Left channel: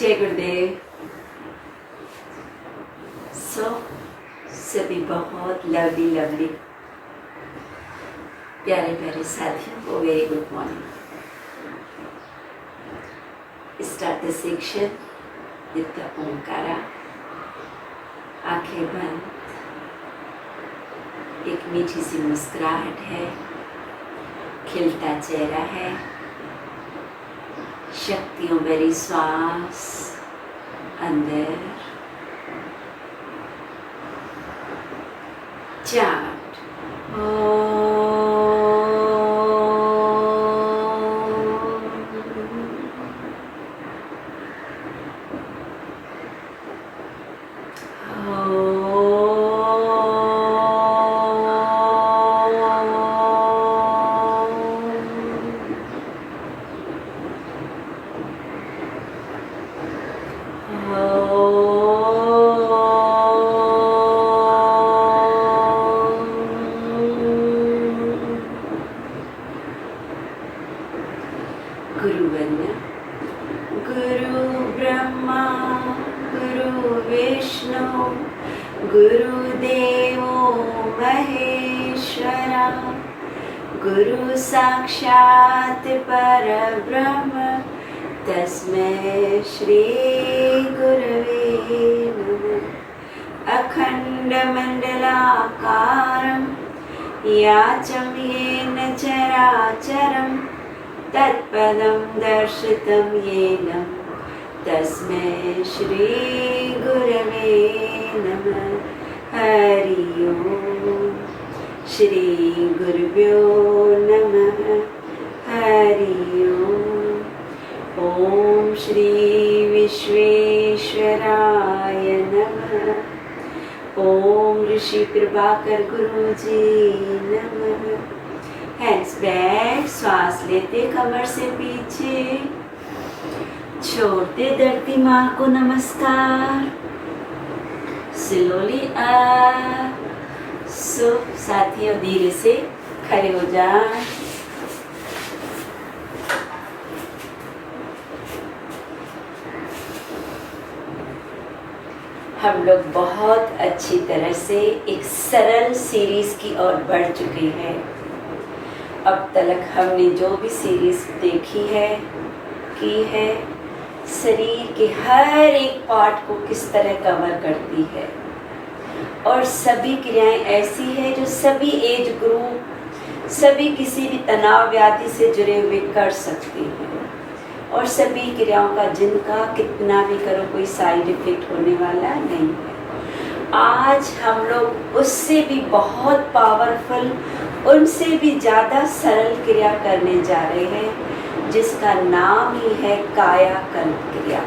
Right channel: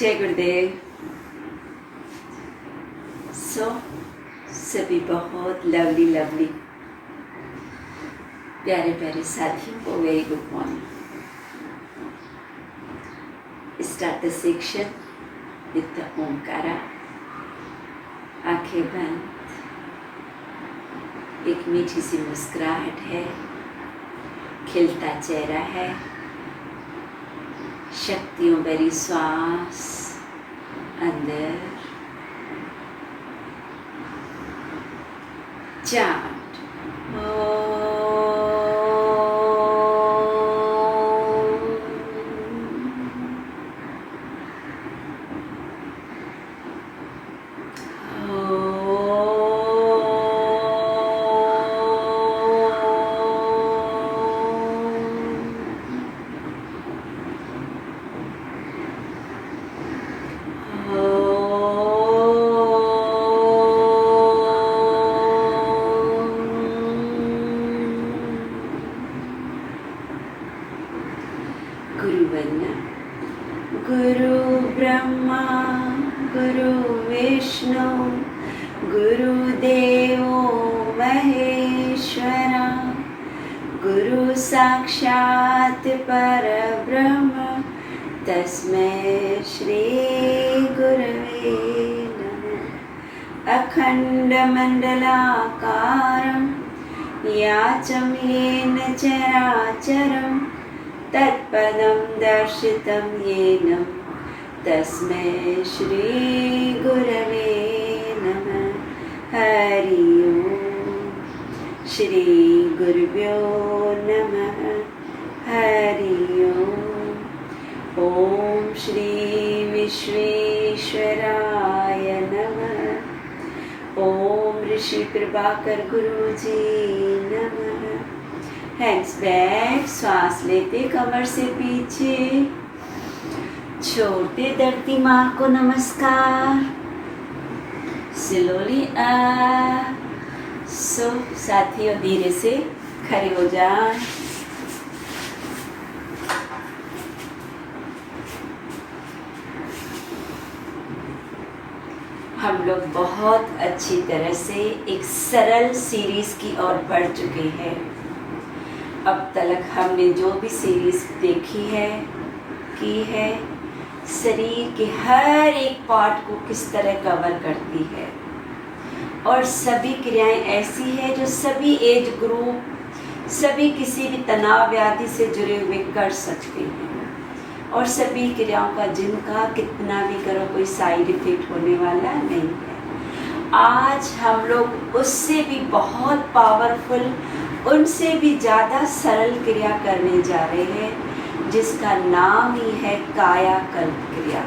जय गुरुदेव। सभी बहुत लवली प्यारे प्यारे साथियों को very good morning. Start the section with the Omkara. आंखें बंद, एक मीठी सी मुस्कुराहट है, खिलता चेहरा है, शक्तियों भरी श्वास अंदर, चांट गुरु वंदना। गुरु ब्रह्मा गुरु विष्णु गुरुदेवो महेश्वरा, गुरु साक्षात् परब्रह्म तस्मै श्री गुरवे नमः। अखंड मंडलाकारं याचं येन चराचरं तत्पदं दर्शितं येन तस्मै श्री गुरवे नमः। हरि ओम। श्री गुरुभ्यो नमः। हरि ओम। ओम श्री विश्वेश्वराय नमः। ओम ऋषि प्रभाकर गुरुजी नमः। हैंड्स बैक, श्वास लेते कमर से पीछे, छोड़ते धरती माँ को नमस्कार। Slowly up. साथियों धीरे से खड़े हो जाए। हम लोग बहुत अच्छी तरह से एक सरल सीरीज की ओर बढ़ चुके हैं। अब तक हमने जो भी सीरीज देखी है की है, शरीर के हर एक पार्ट को किस तरह कवर करती है, और सभी क्रियाएं ऐसी है जो सभी एज ग्रुप, सभी किसी भी तनाव व्याधि से जुड़े हुए कर सकते हैं, और सभी क्रियाओं का जिनका कितना भी करो कोई साइड इफेक्ट होने वाला नहीं है। आज हम लोग उससे भी बहुत पावरफुल, उनसे भी ज़्यादा सरल क्रिया करने जा रहे हैं, जिसका नाम ही है कायाकल्प क्रिया,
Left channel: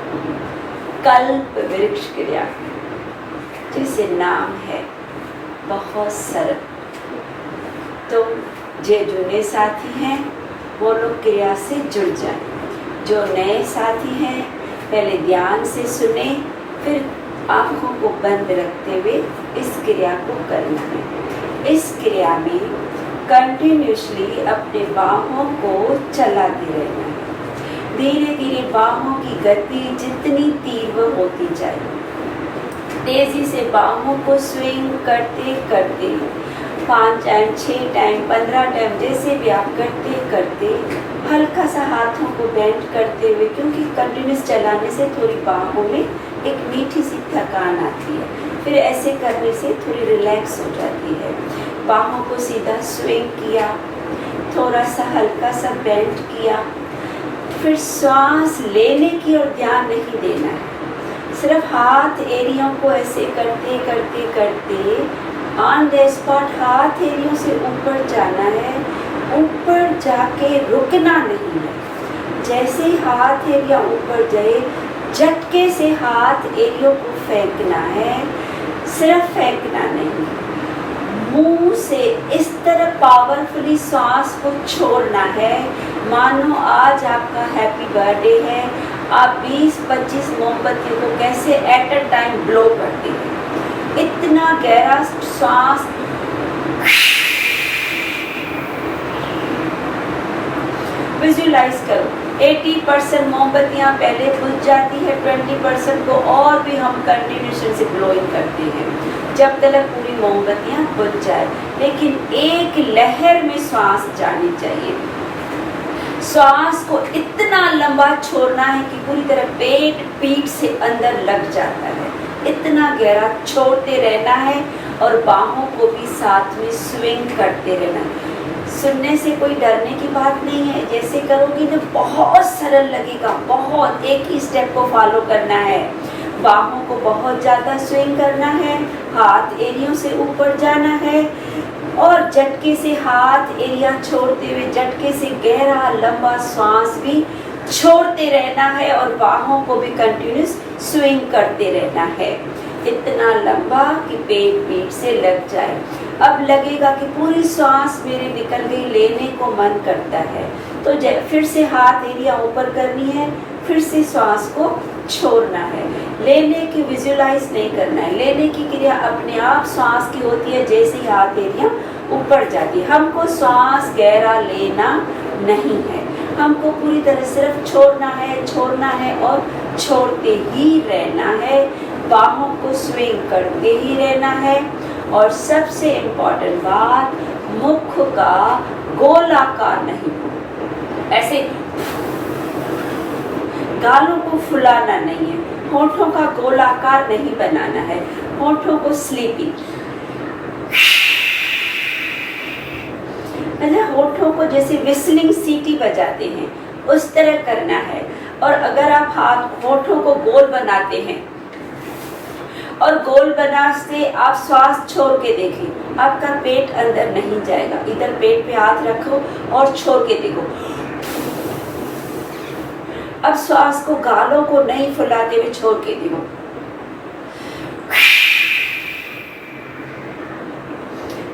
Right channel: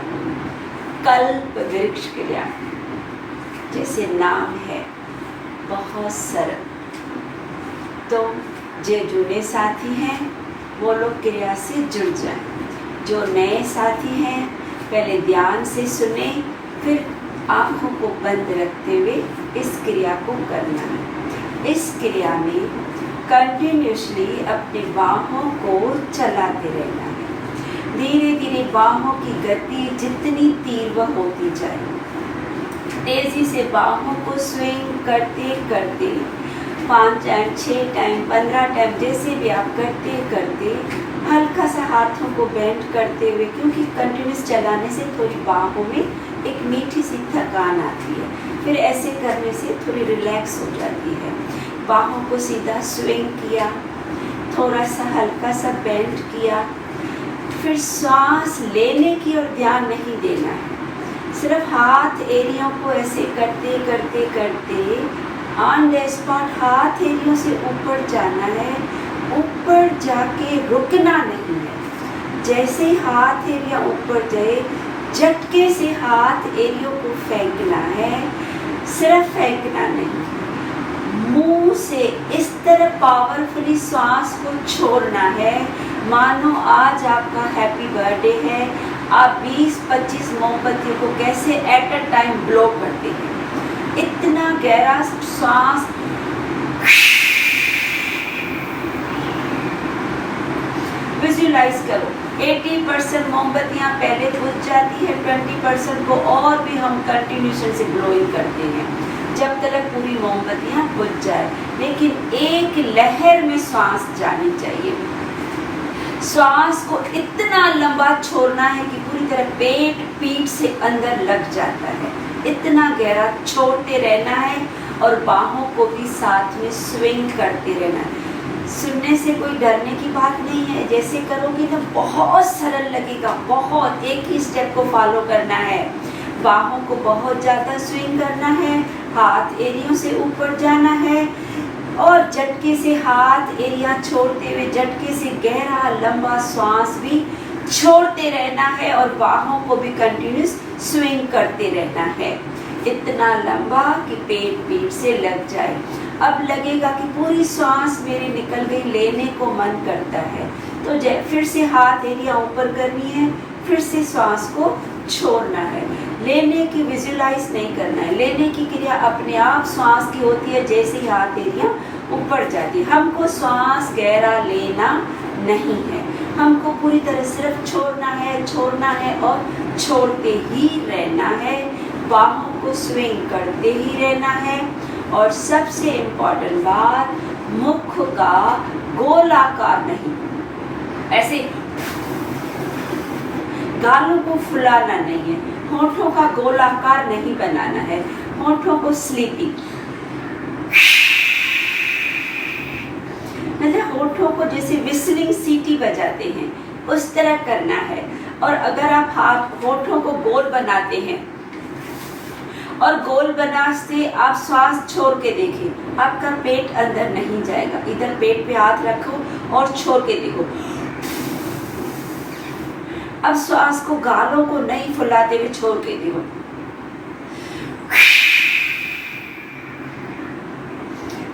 कल्प वृक्ष क्रिया। जैसे नाम है, बहुत सरल। तो जो नए साथी हैं वो लोग क्रिया से जुड़ जाएं। जो नए साथी हैं पहले ध्यान से सुने, फिर आँखों को बंद रखते हुए इस क्रिया को करना है। इस क्रिया में कंटिन्यूसली अपने बाहों को चलाते रहना है। धीरे धीरे बाहों की गति जितनी तीव्र होती जाए, तेजी से बाहों को स्विंग करते करते 5 टाइम, 6 टाइम, 15 टाइम, जैसे भी आप करते करते हल्का सा हाथों को बेंड करते हुए, क्योंकि कंटिन्यूस चलाने से थोड़ी बाहों में एक मीठी सी थकान आती है, फिर ऐसे करने से थोड़ी रिलैक्स हो जाती है। बाहों को सीधा स्विंग किया, थोड़ा सा हल्का सा बेंड किया, फिर श्वास लेने की और ध्यान नहीं देना है। सिर्फ हाथ एरियों को ऐसे करते करते करते ऑन द स्पॉट हाथ एरियों से ऊपर जाना है, ऊपर जाके रुकना नहीं है। जैसे ही हाथ एरिया ऊपर जाए, झटके से हाथ एरियों को फेंकना है, सिर्फ फेंकना नहीं, मुंह से इस तरह पावरफुली श्वास को छोड़ना है मानो आज आपका हैप्पी बर्थडे है। आप 20-25 मोमबत्तियों को कैसे एट अ टाइम ब्लो करते हैं, इतना गहरा श्वास विजुअलाइज करो। 80% मोमबत्तियाँ पहले बुझ जाती है, 20% को और भी हम कंटिन्यूशन से ब्लोइंग करते हैं जब तक पूरी मोमबत्तियाँ बुझ जाए। लेकिन एक लहर में श्वास जानी चाहिए। श्वास को इतना लंबा छोड़ना है कि पूरी तरह पेट पीठ से अंदर लग जाता है, इतना गहरा छोड़ते रहना है और बाहों को भी साथ में स्विंग करते रहना है। सुनने से कोई डरने की बात नहीं है, जैसे करोगे तो बहुत सरल लगेगा, बहुत एक ही स्टेप को फॉलो करना है। बाहों को बहुत ज़्यादा स्विंग करना है, हाथ एरियों से ऊपर जाना है और झटके से हाथ एरिया छोड़ते हुए झटके से गहरा लंबा श्वास भी छोड़ते रहना है और बाहों को भी कंटिन्यूस स्विंग करते रहना है, इतना लंबा कि पेट पीठ से लग जाए। अब लगेगा कि पूरी श्वास मेरी निकल गई, लेने को मन करता है तो फिर से हाथ एरिया ऊपर करनी है, फिर से श्वास को छोड़ना है। लेने की विजुलाइज नहीं करना है, लेने की क्रिया अपने आप श्वास की होती है जैसे ही हाथ एरिया ऊपर जाती है। हमको श्वास गहरा लेना नहीं है, हमको पूरी तरह सिर्फ छोड़ना है और छोड़ते ही रहना है, बाहों को स्विंग करते ही रहना है। और सबसे इम्पोर्टेंट बात, मुख का गोलाकार नहीं, ऐसे गालों को फुलाना नहीं है, होठों का गोलाकार नहीं बनाना है, होठों को स्लीपी, मतलब होठों को जैसे विस्लिंग सीटी बजाते हैं उस तरह करना है। और अगर आप हाथ होठों को गोल बनाते हैं और गोल बनाते आप श्वास छोड़ के देखें, आपका पेट अंदर नहीं जाएगा। इधर पेट पे हाथ रखो और छोड़ के देखो। अब श्वास को गालों को नहीं फुलाते हुए छोड़ के देखो।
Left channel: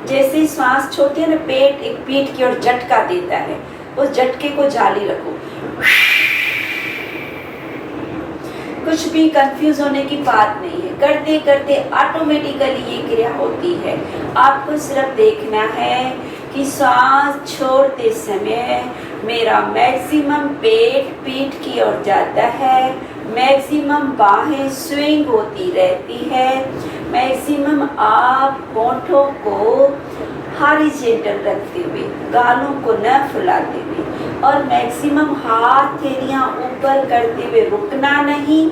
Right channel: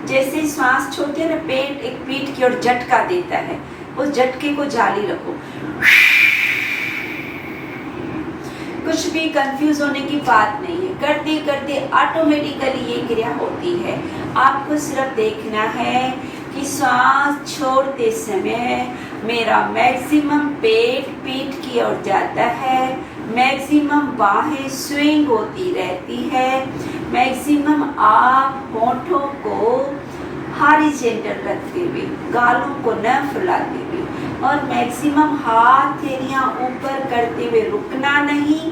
जैसे श्वास छोड़ती है ना, पेट एक पीठ की ओर झटका देता है, उस झटके को जारी रखो। कुछ भी कंफ्यूज होने की बात नहीं है, करते करते ऑटोमेटिकली ये क्रिया होती है। आपको सिर्फ देखना है कि श्वास छोड़ते समय मेरा मैक्सिमम पेट पीठ की ओर जाता है, मैक्सिमम बाहें स्विंग होती रहती है, मैक्सिमम आप होठों को हॉरिजॉन्टल रखते हुए, गालों को न फुलाते हुए और मैक्सिमम हाथ एरिया ऊपर करते हुए रुकना नहीं,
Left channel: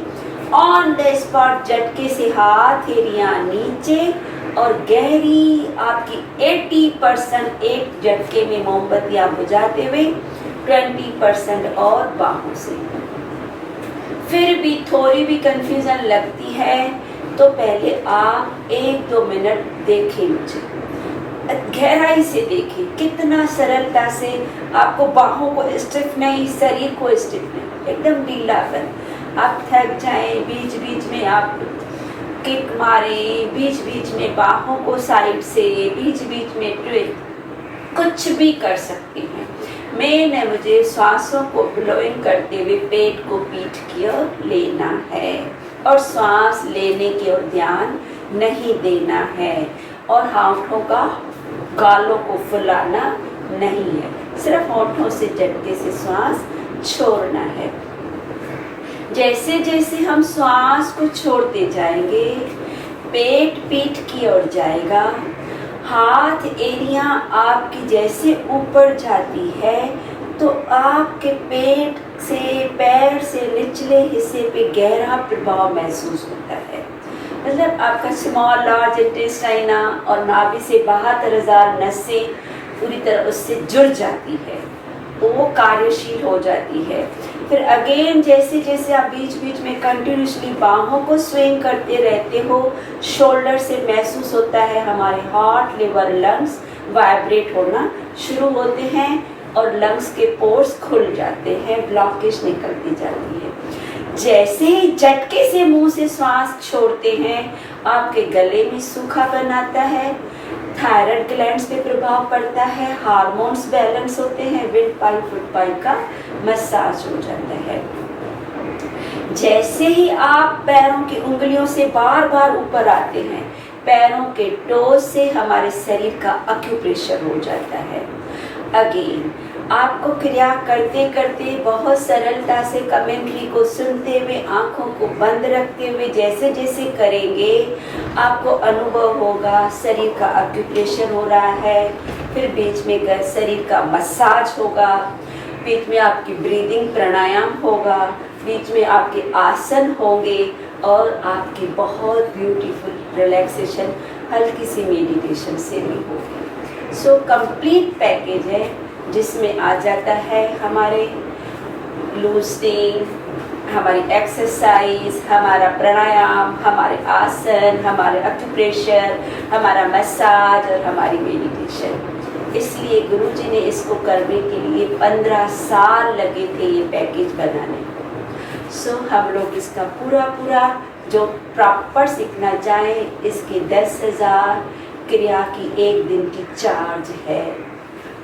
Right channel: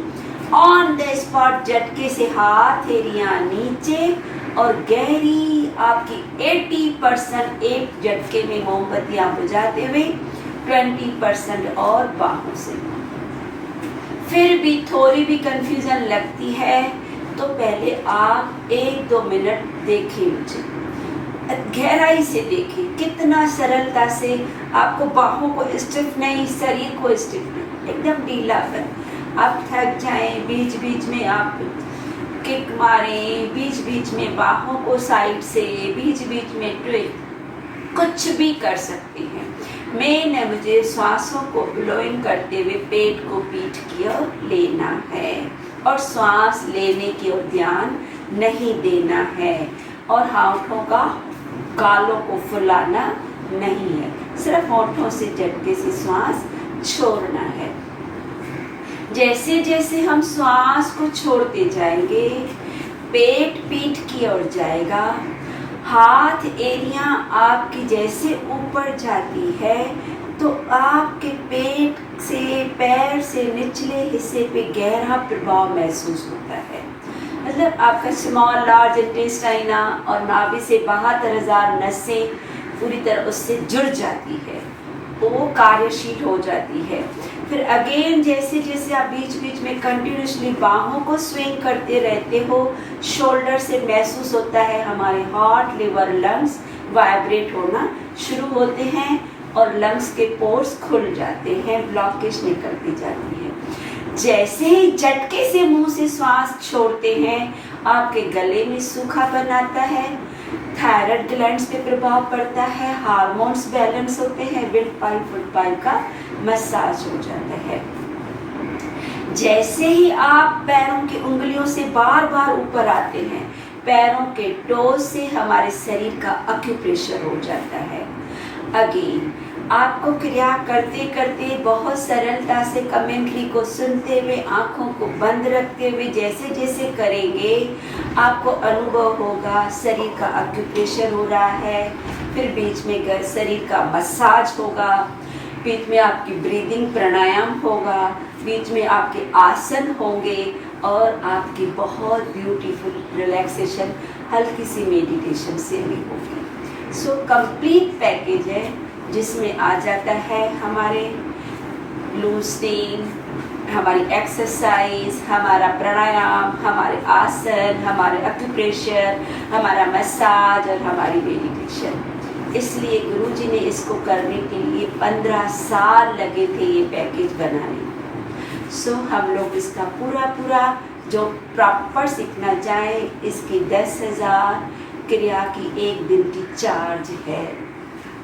ऑन द स्पॉट झटके से हाथ एरिया नीचे और गहरी आपकी 80% एक झटके में मोमबत्तियां बुझाते हुए 20% और बाहों से। फिर भी थोड़ी भी कंफ्यूजन लगती है तो पहले आप 1-2 मिनट देखें, मुझे गहराई से देखिए, कितना सरलता से आपको बाहों को स्टिफ नहीं, शरीर को स्टिफ नहीं, एकदम ढीलापन। आप थक जाएं, बीच बीच में आप किक मारें, बीच बीच में बाहों को साइड से, बीच बीच में ट्विस्ट, कुछ भी कर सकते हैं। मेन है मुझे श्वासों को ब्लोइंग करते हुए पेट को पीठ की ओर लेना है और श्वास लेने की ओर ध्यान नहीं देना है और होठों का गालों को फुलाना नहीं है, सिर्फ होठों से झटके से श्वास छोड़ना है। जैसे जैसे हम श्वास को छोड़ते जाएंगे, पेट पीठ की ओर जाएगा, हाथ एरिया आपकी जैसे ऊपर जाती है तो आपके पेट से पैर से निचले हिस्से पे गहरा प्रभाव महसूस होता है। मतलब आपका स्मॉल लार्ज इंटेस्टाइन और नाभि से 72,000 नसें पूरी तरह उससे जुड़ जाती है, वो कार्यशील हो जाती है। फिर अगेन जैसे जैसे आप बीच बीच में कंटिन्यूसली बाहों को स्विंग करते रहते हो, शोल्डर से महसूस होता है हमारे हार्ट, लिवर, लंग्स वाइब्रेट होना शुरू होते हैं और लंग्स के पोर्स खुल जाते हैं, ब्लॉकेज निकलती जाती है। जैसे ही झटके से मुंह से श्वास छोड़ते हैं, आपके गले में सूखापन आता है, थायराइड ग्लैंड्स पे प्रभाव पड़ता है, हार्मोन्स बैलेंस होते हैं, विंड पाइप फुट पाइप का मसाज हो जाता है। जैसे ही आप पैरों की उंगलियों से बार बार ऊपर आते हैं, पैरों के टोज से हमारे शरीर का एक्यूप्रेशर हो जाता है। अगेन आपको क्रिया करते करते बहुत सरलता से कमेंट्री को सुनते हुए आंखों को बंद रखते हुए जैसे जैसे करेंगे आपको अनुभव होगा शरीर का ऑक्यूपेशन हो रहा है, फिर बीच में शरीर का मसाज होगा, बीच में आपकी ब्रीदिंग प्राणायाम होगा, बीच में आपके आसन होंगे और आपकी बहुत ब्यूटीफुल रिलैक्सेशन हल्की सी मेडिटेशन से भी होगी। सो कंप्लीट पैकेज है जिसमें आ जाता है हमारे लूजनिंग, हमारी एक्सरसाइज, हमारा प्राणायाम, हमारे आसन, हमारे एक्यूप्रेशर, हमारा मसाज और हमारी मेडिटेशन। इसलिए गुरुजी ने इसको करने के लिए 15 साल लगे थे ये पैकेज बनाने। सो हम लोग इसका पूरा जो प्रॉपर सीखना चाहें इसकी 10,000 क्रिया की एक दिन की चार्ज है।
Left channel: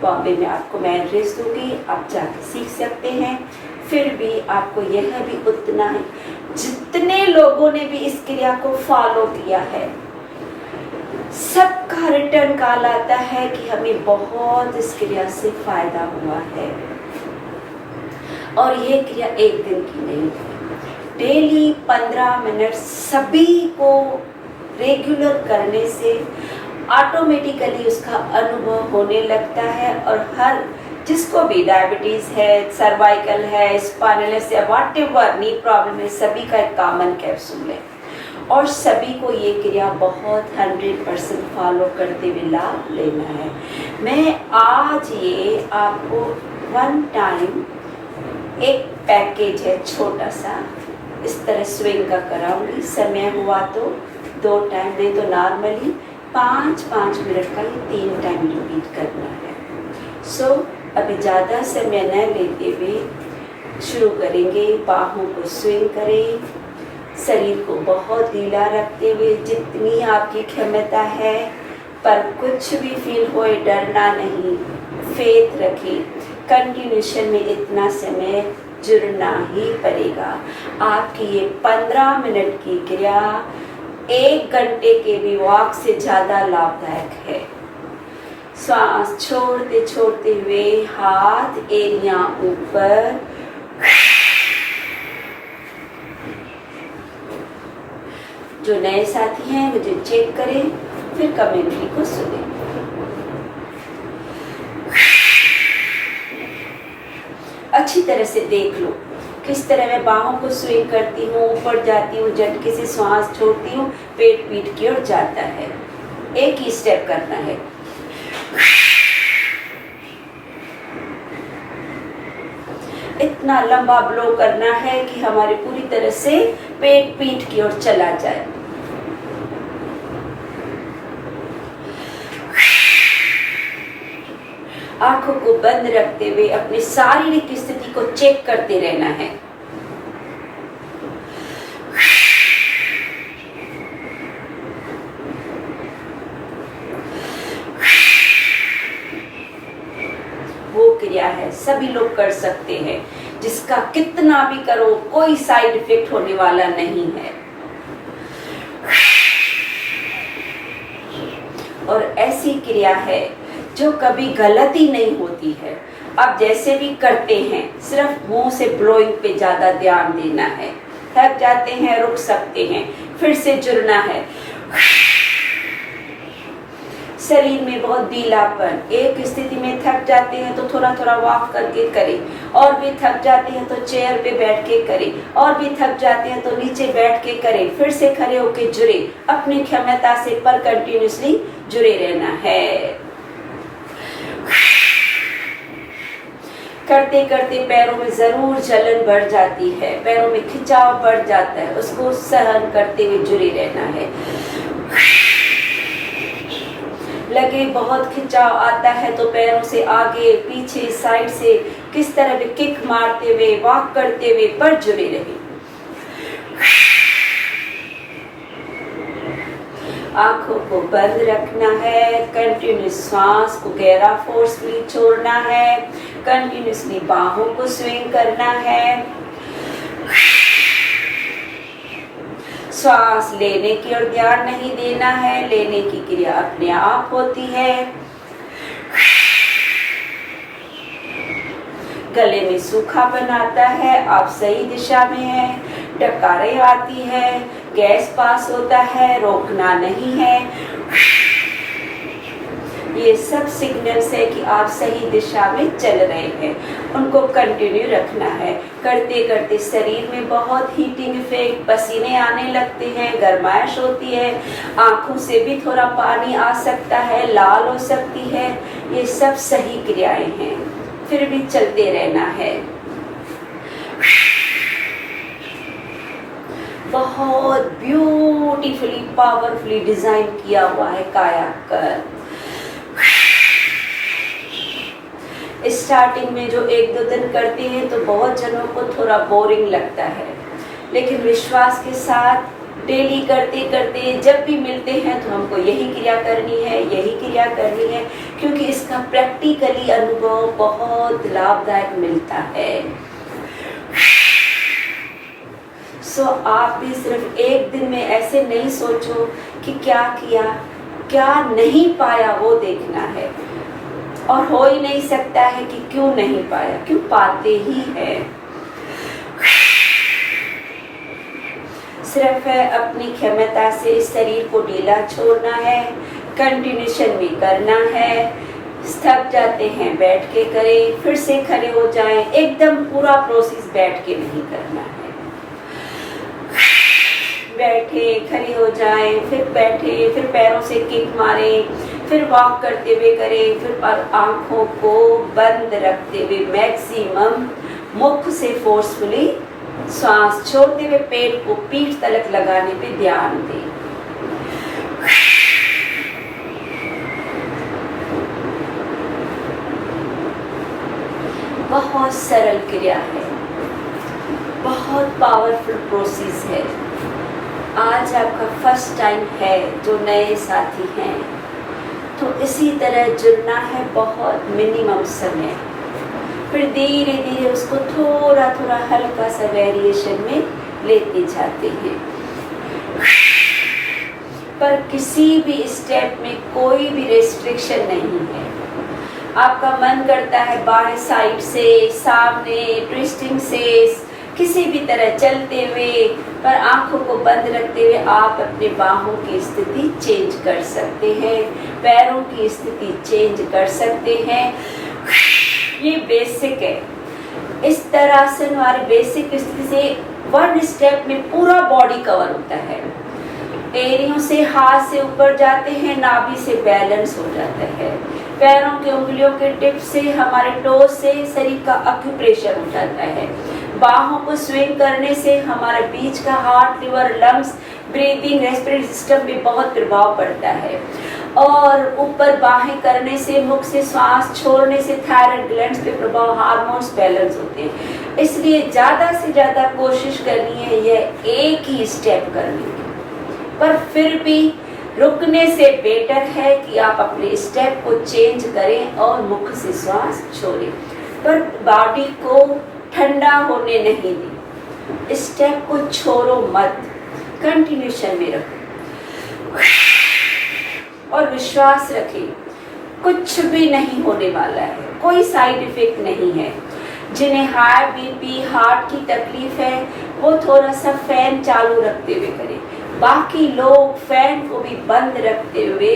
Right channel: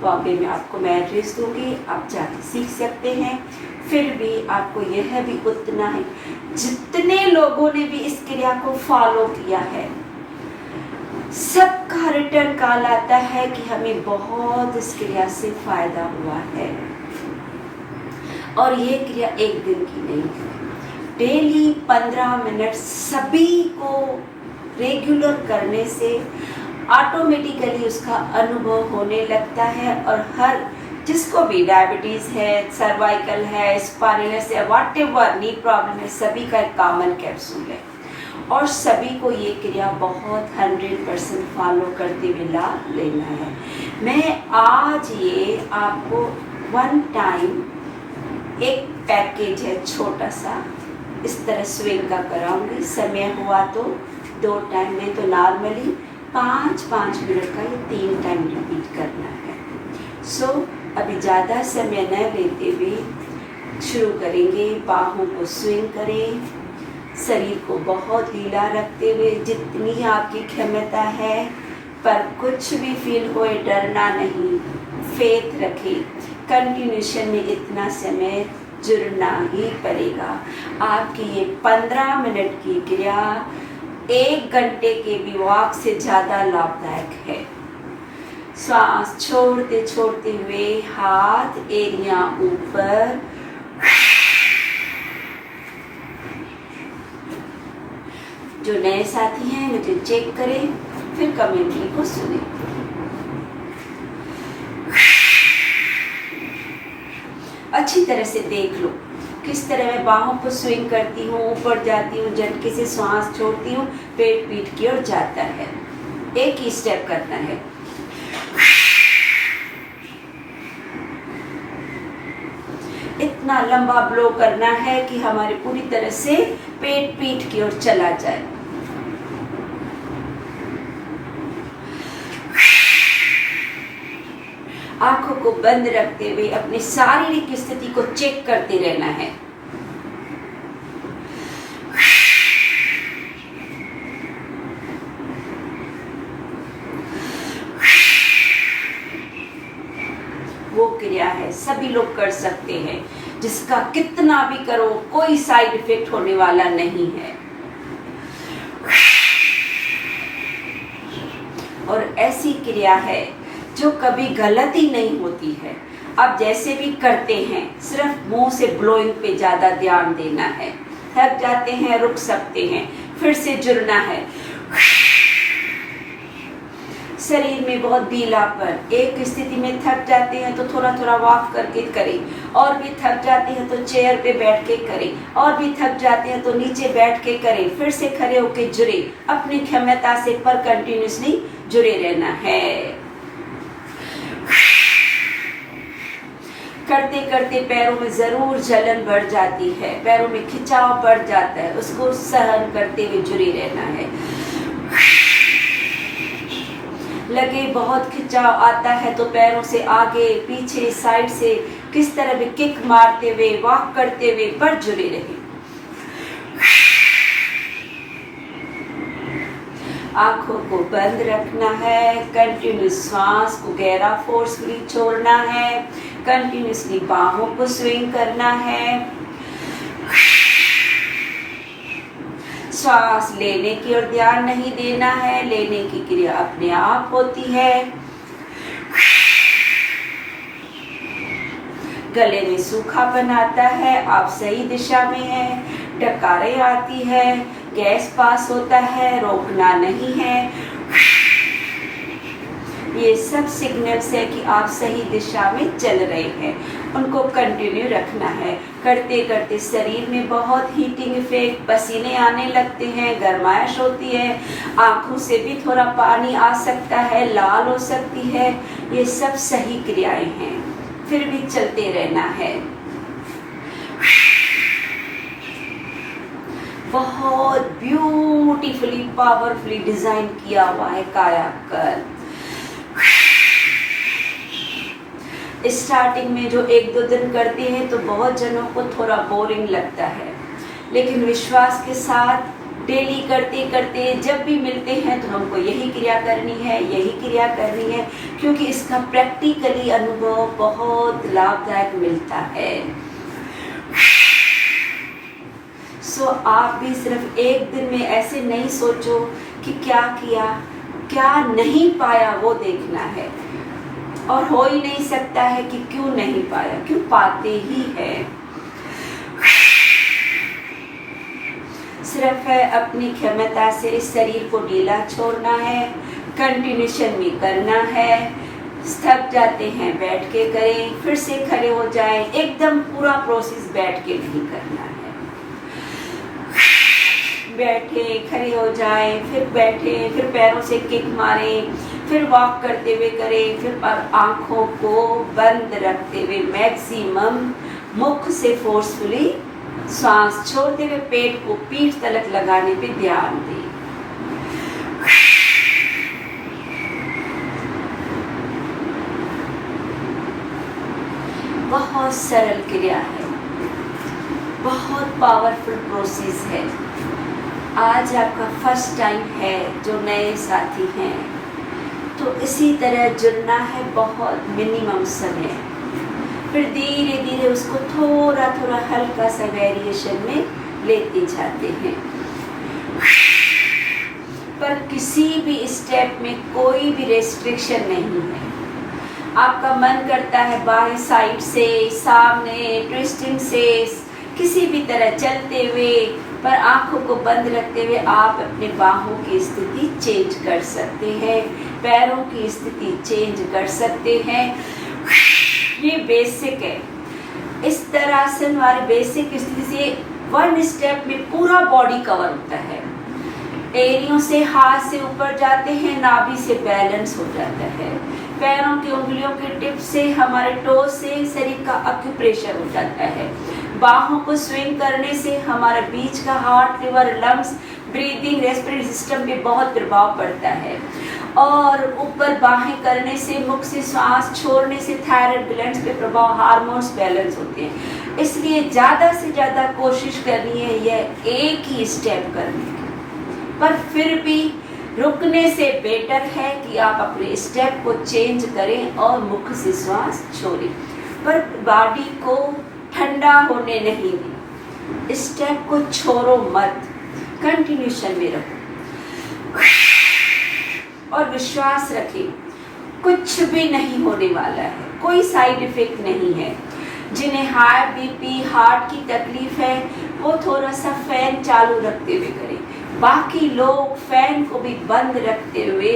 बॉम्बे में आपको मैं एड्रेस दूंगी, आप जाके सीख सकते हैं। फिर भी आपको यह भी उतना ही जितने लोगों ने भी इस क्रिया को फॉलो किया है सबका रिटर्न कॉल आता है कि हमें बहुत इस क्रिया से फायदा हुआ है। और ये क्रिया एक दिन की नहीं है, डेली 15 मिनट सभी को रेगुलर करने से ऑटोमेटिकली उसका अनुभव होने लगता है। और हर जिसको भी डायबिटीज है, सर्वाइकल है, स्पाइनलिस है, व्हाटएवर नी प्रॉब्लम है, सभी का एक कॉमन कैप्सूल है और सभी को ये क्रिया बहुत 100% फॉलो करते हुए लाभ लेना है। मैं आज ये आपको वन टाइम एक पैकेज है छोटा सा, इस तरह स्विंग का कराऊंगी। समय हुआ तो 2 टाइम, नहीं तो नॉर्मली 5-5 मिनट का ये 3 टाइम रिपीट करना है। सो अभी ज़्यादा समय न लेते हुए शुरू करेंगे। बाहों को स्विंग करें, शरीर को बहुत ढीला रखते हुए जितनी आपकी क्षमता है, पर कुछ भी फील होए डरना नहीं, फेथ रखें। कंटिन्यूशन में इतना समय जुड़ना ही पड़ेगा। आपकी ये 15 मिनट की क्रिया 1 घंटे के भी वॉक से ज़्यादा लाभदायक है। श्वास छोड़ते छोड़ते हुए हाथ एरिया ऊपर, जो नए साथी हैं मुझे चेक करें, फिर कमेंट्री को सुने। अच्छी तरह से देख लो किस तरह मैं बाहों को स्विंग करती हूँ, ऊपर जाती हूँ, झटके से श्वास छोड़ती हूँ, पेट पीठ की ओर जाता है। एक ही स्टेप करना है। इतना लंबा ब्लो करना है कि हमारी पूरी तरह से पेट पीठ की ओर चला जाए। आंखों को बंद रखते हुए अपनी शारीरिक स्थिति को चेक करते रहना है। वो क्रिया है सभी लोग कर सकते हैं, जिसका कितना भी करो कोई साइड इफेक्ट होने वाला नहीं है। और ऐसी क्रिया है जो कभी गलती नहीं होती है। अब जैसे भी करते हैं सिर्फ मुंह से ब्लोइंग पे ज्यादा ध्यान देना है। थक जाते हैं रुक सकते हैं, फिर से जुड़ना है। शरीर में बहुत ढीलापन, एक स्थिति में थक जाते हैं तो थोड़ा थोड़ा वॉक करके करें, और भी थक जाते हैं तो चेयर पे बैठ के करें, और भी थक जाते हैं तो नीचे बैठ के करें, फिर से खड़े होके जुड़े। अपनी क्षमता से पर कंटिन्यूसली जुड़े रहना है। करते करते पैरों में जरूर जलन बढ़ जाती है, पैरों में खिंचाव बढ़ जाता है, उसको सहन करते हुए जुड़े रहना है। लगे बहुत खिंचाव आता है तो पैरों से आगे पीछे साइड से किस तरह भी किक मारते हुए वॉक करते हुए पर जुड़े रहे। आंखों को बंद रखना है, कंटिन्यूस श्वास को गहरा फोर्सफुली छोड़ना है, कंटिन्यूसली बाहों को स्विंग करना है। श्वास लेने की ओर ध्यान नहीं देना है, लेने की क्रिया अपने आप होती है। गले में सूखापन आता है, आप सही दिशा में हैं, डकारें आती है, गैस पास होता है, रोकना नहीं है। ये सब सिग्नल्स है कि आप सही दिशा में चल रहे हैं, उनको कंटिन्यू रखना है। करते करते शरीर में बहुत हीटिंग इफेक्ट, पसीने आने लगते हैं, गर्माइश होती है, आंखों से भी थोड़ा पानी आ सकता है, लाल हो सकती है। ये सब सही क्रियाएं हैं, फिर भी चलते रहना है। बहुत ब्यूटीफुली पावरफुली डिजाइन किया हुआ है कायाकल्प। स्टार्टिंग में जो 1-2 दिन करते हैं तो बहुत जनों को थोड़ा बोरिंग लगता है, लेकिन विश्वास के साथ डेली करते करते जब भी मिलते हैं तो हमको यही क्रिया करनी है, यही क्रिया करनी है, क्योंकि इसका प्रैक्टिकली अनुभव बहुत लाभदायक मिलता है। सो आप भी सिर्फ एक दिन में ऐसे नहीं सोचो कि क्या किया, क्या नहीं पाया, वो देखना है। और हो ही नहीं सकता है कि क्यों नहीं पाया, क्यों पाते ही है। सिर्फ है अपनी क्षमता से इस शरीर को ढीला छोड़ना है, कंटिन्यूशन में करना है। थक जाते हैं बैठ के करें, फिर से खड़े हो जाएं, एकदम पूरा प्रोसेस बैठ के नहीं करना है। बैठे, खड़े हो जाएं, फिर बैठे, फिर पैरों से किक मारें, फिर वॉक करते हुए करें, फिर आंखों को बंद रखते हुए मैक्सिमम मुख से फोर्सफुली सांस छोड़ते हुए पेट को पीठ तलक लगाने पे ध्यान दें। बहुत सरल क्रिया है, बहुत पावरफुल प्रोसेस है। आज आपका फर्स्ट टाइम है, जो नए साथी हैं तो इसी तरह जुड़ना है, बहुत मिनिमम समय, फिर धीरे धीरे उसको थोड़ा थोड़ा हल्का सा वेरिएशन में लेते जाते हैं। पर किसी भी स्टेप में कोई भी रेस्ट्रिक्शन नहीं है। आपका मन करता है बाएं साइड से, सामने, ट्विस्टिंग से, किसी भी तरह चलते हुए, पर आंखों को बंद रखते हुए आप अपने बाहों की स्थिति चेंज कर सकते हैं, पैरों की स्थिति चेंज कर सकते हैं। ये बेसिक है। इस तरह से हमारे बेसिक स्थिति से 1 स्टेप में पूरा बॉडी कवर होता है। एड़ियों से हाथ से ऊपर जाते हैं, नाभि से बैलेंस हो जाता है, पैरों के उंगलियों के टिप से हमारे टोज से शरीर का एक्यूप्रेशर हो जाता है, बाहों को स्विंग करने से हमारे बीच का heart, liver, lungs, breathing, respiratory system पे बहुत प्रभाव पड़ता है, और ऊपर बाहें करने से, मुख से श्वास छोड़ने से थायराइड ग्लैंड्स पे प्रभाव, हार्मोन्स बैलेंस होते हैं। इसलिए ज़्यादा से ज़्यादा कोशिश करनी है यह एक ही स्टेप करने की, पर फिर भी रुकने से बेटर है कि आप अपने स्टेप को चेंज करें और मुख से श्वास छोड़ें, पर बॉडी को ठंडा होने नहीं दें। स्टेप को छोड़ो मत, कंटिन्यूशन में रखो और विश्वास रखें कुछ भी नहीं होने वाला है, कोई साइड इफेक्ट नहीं है। जिन्हें हाई बीपी, हार्ट की तकलीफ है वो थोड़ा सा फैन चालू रखते हुए करें, बाकी लोग फैन को भी बंद रखते हुए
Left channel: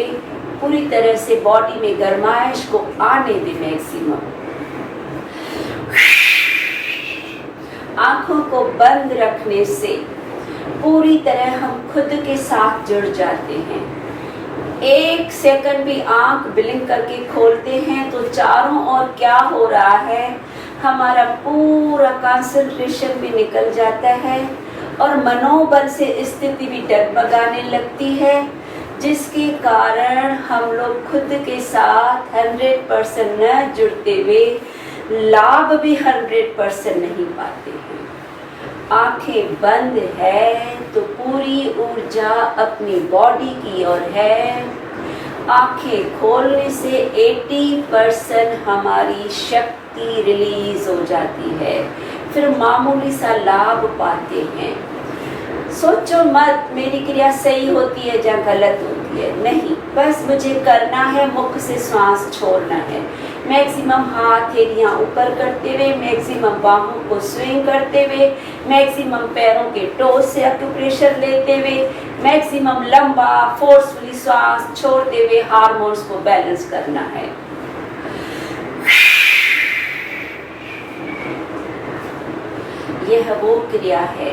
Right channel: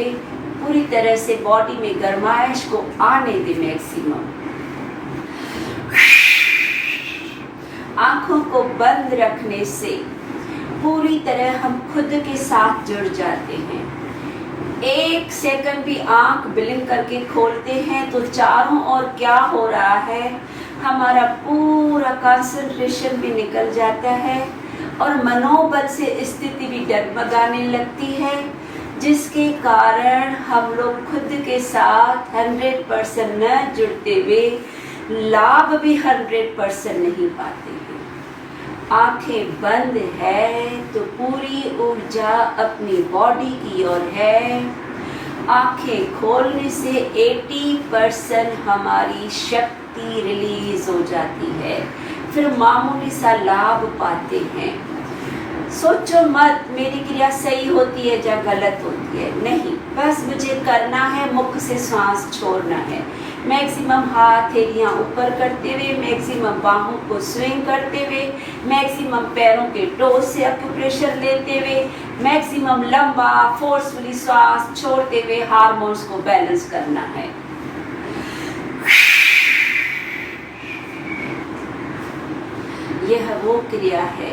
पूरी तरह से बॉडी में गर्माइश को आने दें मैक्सिमम। आंखों को बंद रखने से पूरी तरह हम खुद के साथ जुड़ जाते हैं। 1 सेकंड भी आंख ब्लिंक करके खोलते हैं तो चारों ओर क्या हो रहा है हमारा पूरा कंसंट्रेशन भी निकल जाता है और मनोबल से स्थिति भी डगमगाने लगती है, जिसके कारण हम लोग खुद के साथ 100% न जुड़ते हुए लाभ भी 100% नहीं पाते हैं। आंखें बंद है तो पूरी ऊर्जा अपनी बॉडी की ओर है। आंखें खोलने से 80% हमारी शक्ति रिलीज हो जाती है, फिर मामूली सा लाभ पाते हैं। सोचो मत मेरी क्रिया सही होती है या गलत होती है, नहीं, बस मुझे करना है, मुख से श्वास छोड़ना है। मैक्सिमम हाथ एरिया ऊपर करते हुए, मैक्सिमम बाहों को स्विंग करते हुए, मैक्सिमम पैरों के टोज से एक्यूप्रेशर लेते हुए, मैक्सिमम लंबा फोर्सफुली श्वास छोड़ते हुए हार्मोन्स को बैलेंस करना है। यह वो क्रिया है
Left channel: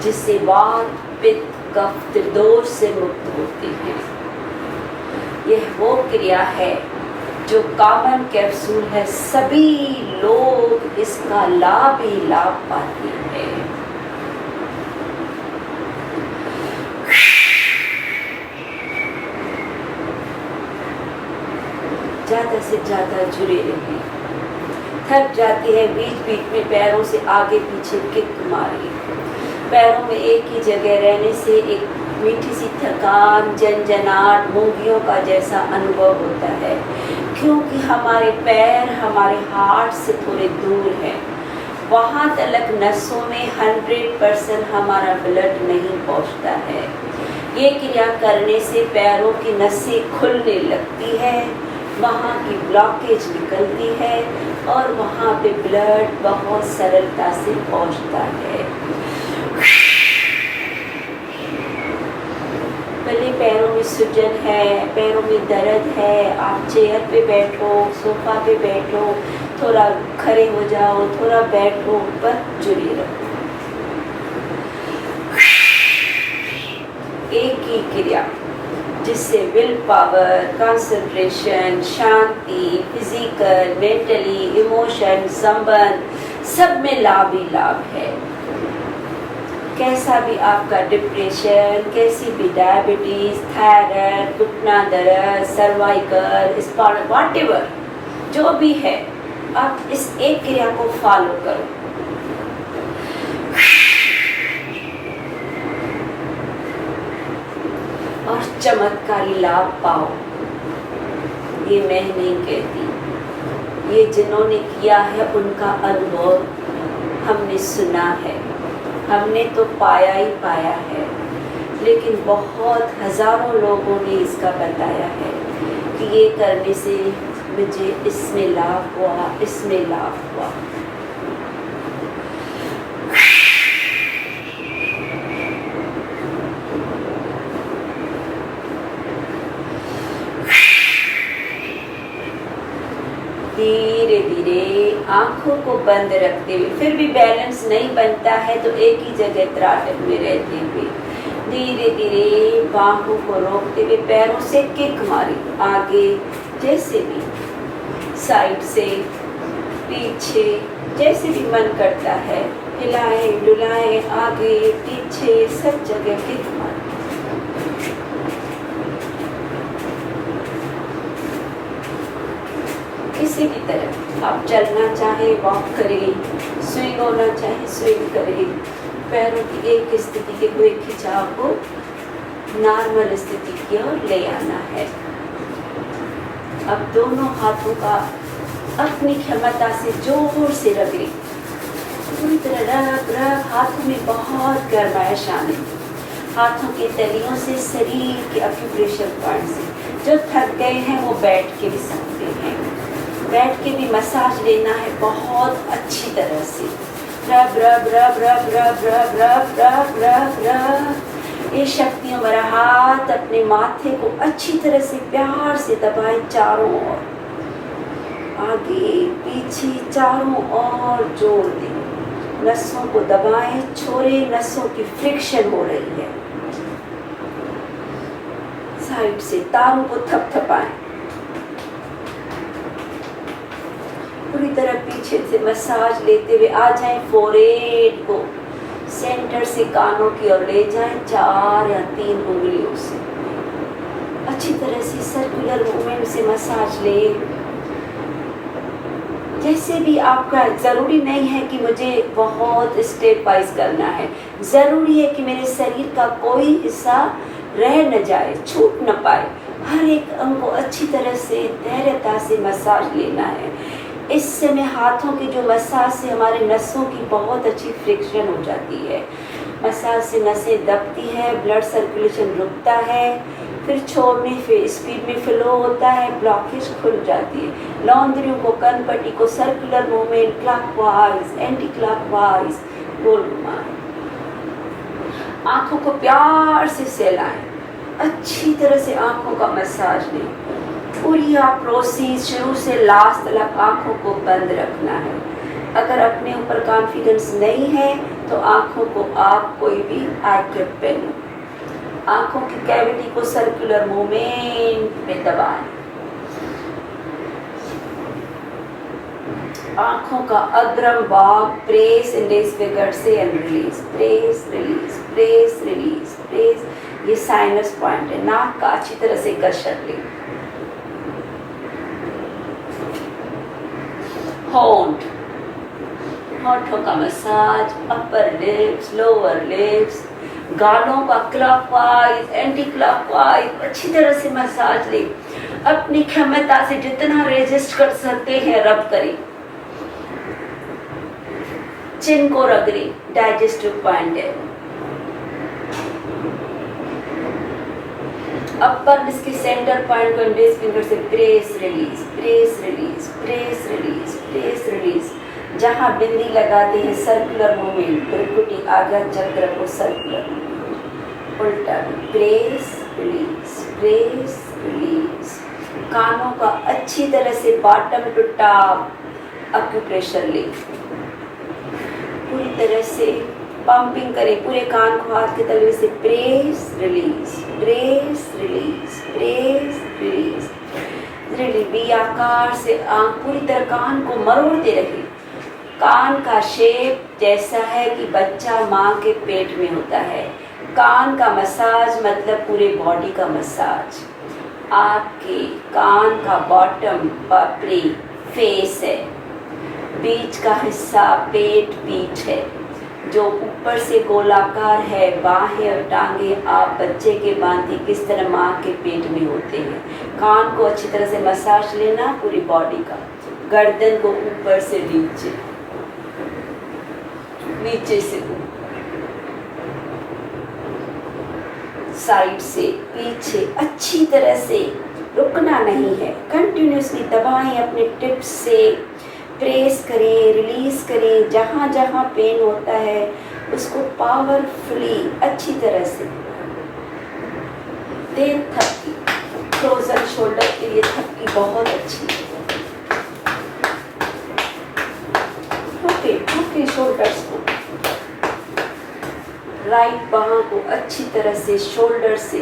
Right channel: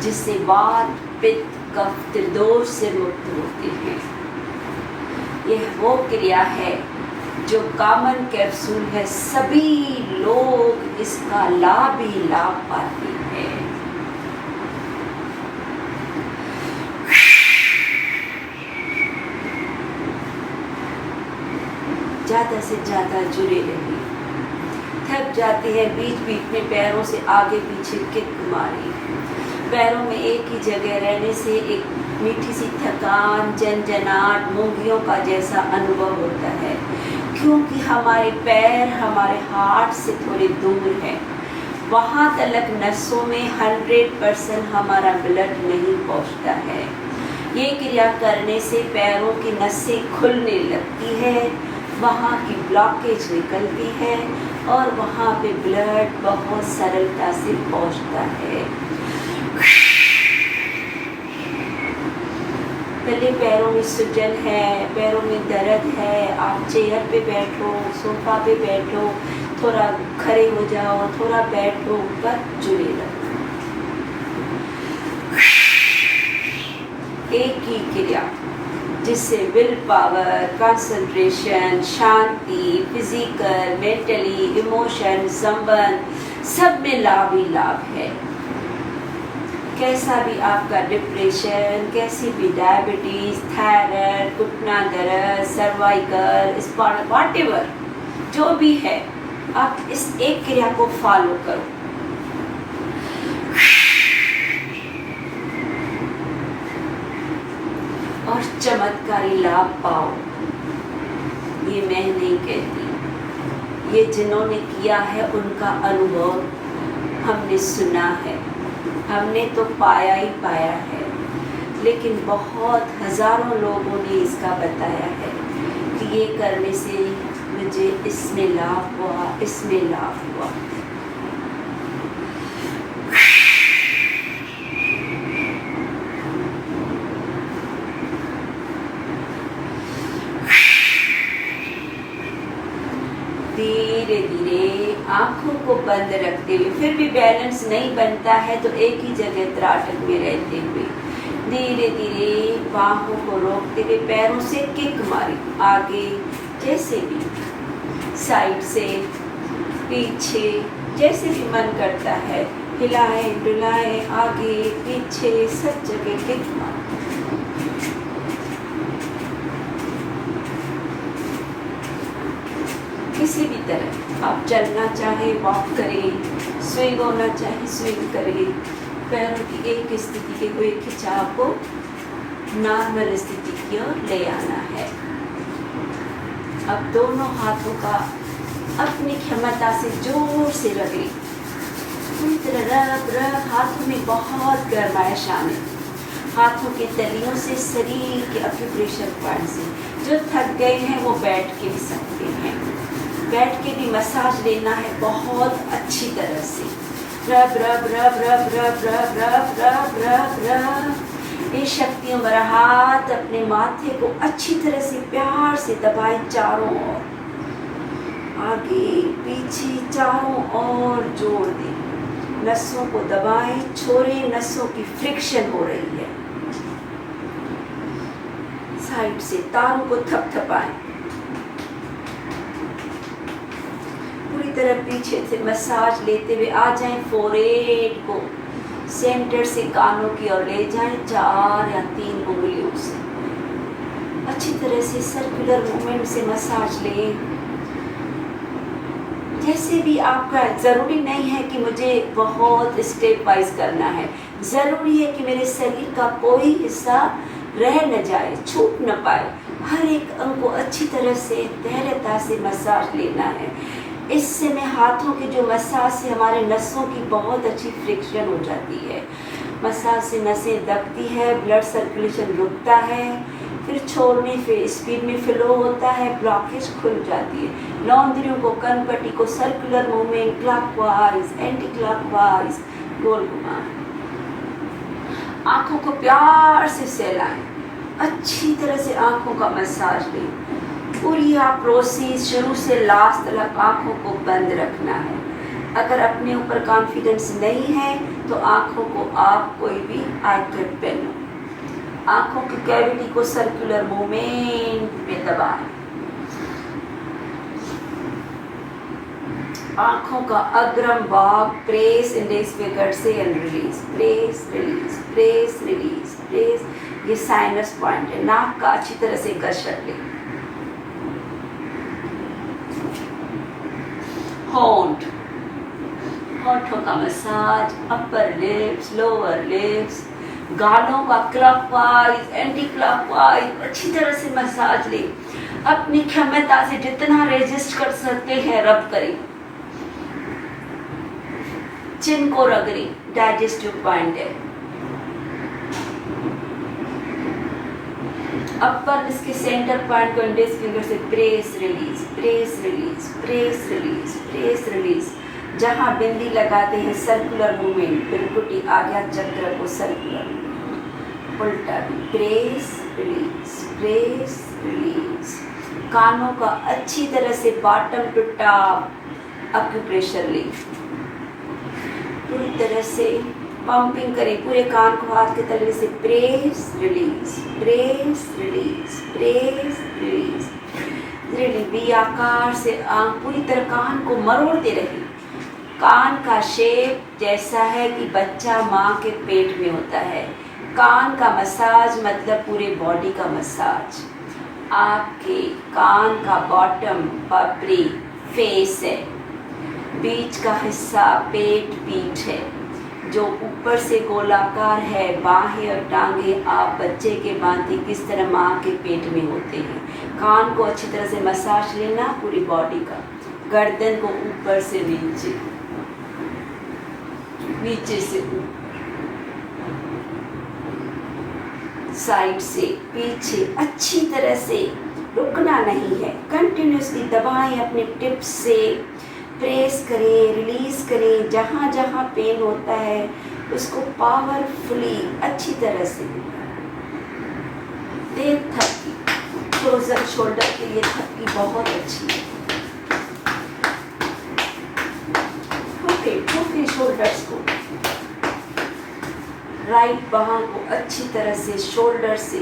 जिससे वात, पित्त, कफ, त्रिदोष से मुक्त होते हैं। यह वो क्रिया है जो कॉमन कैप्सूल है, सभी लोग इसका लाभ ही लाभ पाते हैं। ज्यादा से ज्यादा जुड़े रहें। थक जाते हैं बीच बीच में पैरों से आगे पीछे किक मारी। पैरों में एक ही जगह रहने से एक मीठी सी थकान, झंझनाहट, मूंगियों का जैसा अनुभव होता है, क्योंकि हमारे पैर हमारे हार्ट से थोड़े दूर है। वहाँ तक नसों में 100% हमारा ब्लड नहीं पहुँचता है। ये क्रिया करने से पैरों की नसें खुलने लगती है, वहाँ की ब्लॉकेज निकलती है और वहाँ पे ब्लड बहुत सरलता से पहुँचता है। पहले पैरों में सूजन है, पैरों में दर्द है, आप चेयर पे बैठो, सोफा पे बैठो, थोड़ा खड़े हो जाओ, थोड़ा बैठो, पर जुड़े रहो। एक ही क्रिया जिससे will power, concentration, Shanti, physical, mentally, emotion, संबंध सब में लाभ ही लाभ है। कैसा भी आपका डिप्रेशन, कैसी भी डायबिटीज, थायराइड, घुटना दर्द, सर्वाइकल, स्पाइनल, व्हाटएवर जो भी है, आप इस एक क्रिया को फॉलो करो। और चमत्कारी लाभ पाओ। ये मैं नहीं कहती, ये जिन्होंने किया है उनका अनुभव हमने सुना है, हमने तो पाया ही पाया है। लेकिन बहुत हजारों लोगों ने इसका बताया है कि ये करने से मुझे इसमें लाभ हुआ, इसमें लाभ हुआ। धीरे धीरे आंखों को बंद रखते हुए, फिर भी बैलेंस नहीं बनता है तो एक ही जगह त्राटक में रहते हुए धीरे धीरे बाहों को रोकते हुए पैरों से किक मारे, आगे जैसे भी, साइड से, पीछे, जैसे भी मन करता है, हिलाएं डुलाएं, आगे पीछे सब जगह किक मारे। किसी भी तरह आप चलना चाहे वॉक करें, स्विंग होना चाहे स्विंग करें, पैरों की एक स्थिति के हुए खिंचाव को नॉर्मल स्थिति की ओर ले आना है। अब दोनों हाथों का अपनी क्षमता से जोर से रगड़ें, पूरी तरह रग रग, हाथों में बहुत गर्माइश आने, हाथों के तलियों से शरीर के एक्यूप्रेशर पॉइंट से। जो थक गए हैं वो बैठ के भी सकते हैं, बैठ के भी मसाज लेना है बहुत अच्छी तरह से। रब रब रब रब रब रब रब रब रब रब। ये शक्तियों भरा हाथ अपने माथे को अच्छी तरह से प्यार से दबाए चारों ओर, आगे पीछे चारों ओर जोड़ दे। नसों को दबाएं, छोड़े, नसों की फ्रिक्शन हो रही है। साइड से तारों को थपथपाएं, पूरी तरह पीछे से मसाज लेते हुए आ जाएं, फोरहेड को सेंटर से कानों की ओर ले जाएं, 4 या 3 उंगलियों से अच्छी तरह से सर्कुलर मूवमेंट से मसाज लें। जैसे भी आपका, ज़रूरी नहीं है कि मुझे बहुत स्टेप वाइज करना है, ज़रूरी है कि मेरे शरीर का कोई हिस्सा रह न जाए, छूट न पाए। हर एक अंग को अच्छी तरह से धैर्यता से मसाज लेना है। इस समय हाथों की जो मसाज से हमारे नसों की बहुत अच्छी फ्रिक्शन हो जाती है। मसाज से नसें दबती है, ब्लड सर्कुलेशन रुकता है, फिर छोड़ने फिर स्पीड में फ्लो होता है, ब्लॉकेज खुल जाती है। लौंदरियों को, कनपट्टी को circular movement, clockwise, anti clockwise गोल घुमाएं। आंखों को प्यार से सहलाएं, अच्छी तरह से आंखों का मसाज लें। पूरी आप प्रोसेस शुरू से लास्ट तक आंखों को बंद रखना है। अगर अपने ऊपर कॉन्फिडेंस नहीं है तो आंखों को आप कोई भी आई कैप पहनो। आंखों की कैविटी को सर्कुलर मूवमेंट में दबाएं। आंखों का अग्रम भाग प्रेस इंडेक्स फिंगर से and release, press release, press release, press. ये साइनस पॉइंट है। नाक का अच्छी तरह से कसरत लें। होंठ, होठों का massage, upper lips, lower lips, गालों का क्लॉकवाइज, एंटी क्लॉकवाइज अच्छी तरह से मसाज ले। अपनी क्षमता से जितना रेजिस्ट कर सकते हैं रब करें। चिन को रगड़ें, डाइजेस्टिव पॉइंट है। अपर इसके सेंटर पॉइंट को इंडेक्स फिंगर से press release, press release, press release, press release. जहां बिंदी लगाते हैं सर्कुलर मूवमेंट, बिरकुटी आज्ञा चक्र को सर्कुलर, उल्टा प्रेस रिलीज, प्रेस रिलीज। कानों का अच्छी तरह से बॉटम टू टॉप अक्यूप्रेशर ले। पूरी तरह से पंपिंग करें पूरे कान को हाथ के तलवे से, press release, press release, press release. धीरे वी आकार से पूरी तरह कान को मरोड़ते रहे। कान का शेप जैसा है कि बच्चा माँ के पेट में होता है। कान का मसाज मतलब पूरे बॉडी का मसाज। आपके कान का बॉटम पापड़ी फेस है, बीच का हिस्सा पेट पीठ है, जो ऊपर से गोलाकार है। बाहें और टांगे आप बच्चे के बांधी किस तरह माँ के पेट में होते हैं। कान को अच्छी तरह से मसाज लेना पूरी बॉडी का। गर्दन को ऊपर से नीचे, नीचे से ऊपर, साइड से पीछे, अच्छी तरह से रुकना नहीं है। कंटिन्यूसली दबाएं, अपने टिप्स से प्रेस करें, रिलीज करें। जहाँ जहाँ पेन होता है उसको पावरफुली अच्छी तरह से दे। थपकी फ्रोजन शोल्डर के लिए थपकी बहुत अच्छी है। ठोके शोल्डर्स को, राइट बाह को अच्छी तरह से शोल्डर से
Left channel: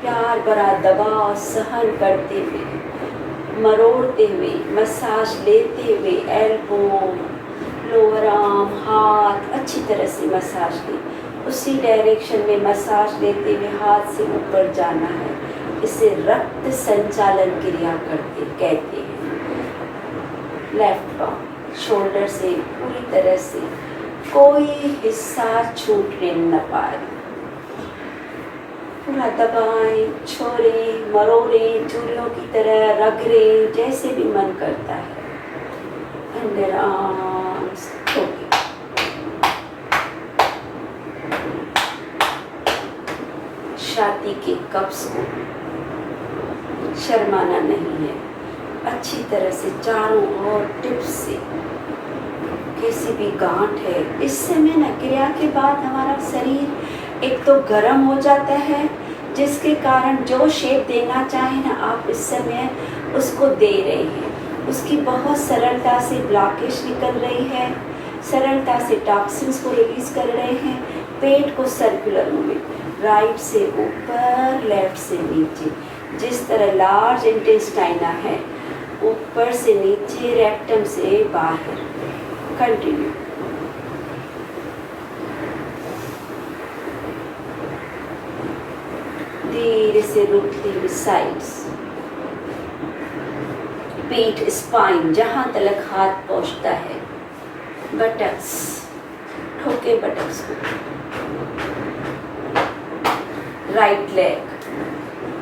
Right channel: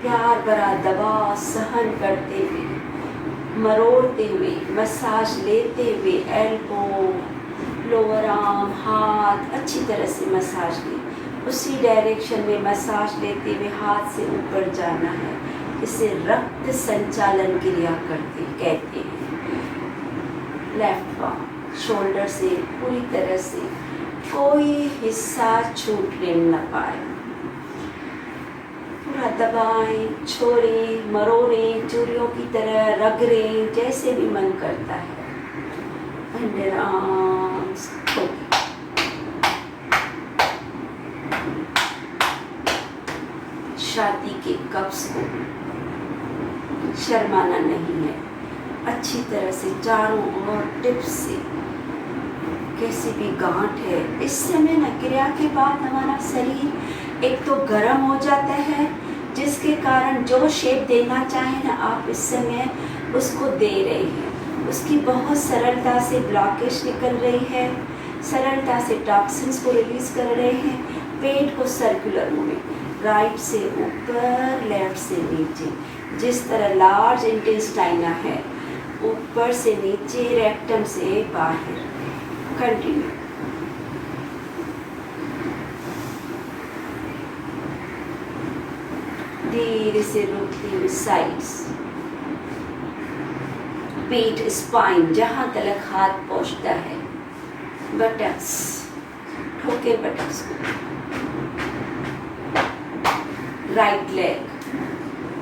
प्यार भरा दबाव सहन करते हुए, मरोड़ते हुए, मसाज लेते हुए, एल्बो, लोअर आर्म, हाथ अच्छी तरह से मसाज ले। उसी डायरेक्शन में मसाज लेते हुए हाथ से ऊपर जाना है। इसे रक्त संचालन क्रिया कहते हैं। लेफ्ट बाह शोल्डर से पूरी तरह से कोई हिस्सा छूटने न पाए। पूरा दबाएं, छोड़ें, मरोड़ें, चूड़ियों की तरह रगड़ें, जैसे भी मन करता है। अंडर आर्म्स ठोके, छाती के कब्ज को शर्माना नहीं है। अच्छी तरह से चारों ओर टिप्स से कैसी भी गांठ है। इस समय ना क्रिया के बाद हमारा शरीर एक तो गर्म हो जाता है, जिसके कारण जो शेप देना चाहे ना आप इस समय उसको दे रहे हैं। उसकी बहुत सरलता से ब्लॉकेज निकल रही है, सरलता से टॉक्सिन्स को रिलीज कर रहे हैं। पेट को सर्कुलर मूवमेंट, राइट से ऊपर, लेफ्ट से नीचे। जिस तरह लार्ज इंटेस्टाइना है, ऊपर से नीचे, रेक्टम से बाहर। कंटिन्यू। धीरे से रुकती हुई साइड्स, पीठ, स्पाइन, जहां तक हाथ पहुंचता है। बटक्स, ठोके बटक्स को। राइट लेग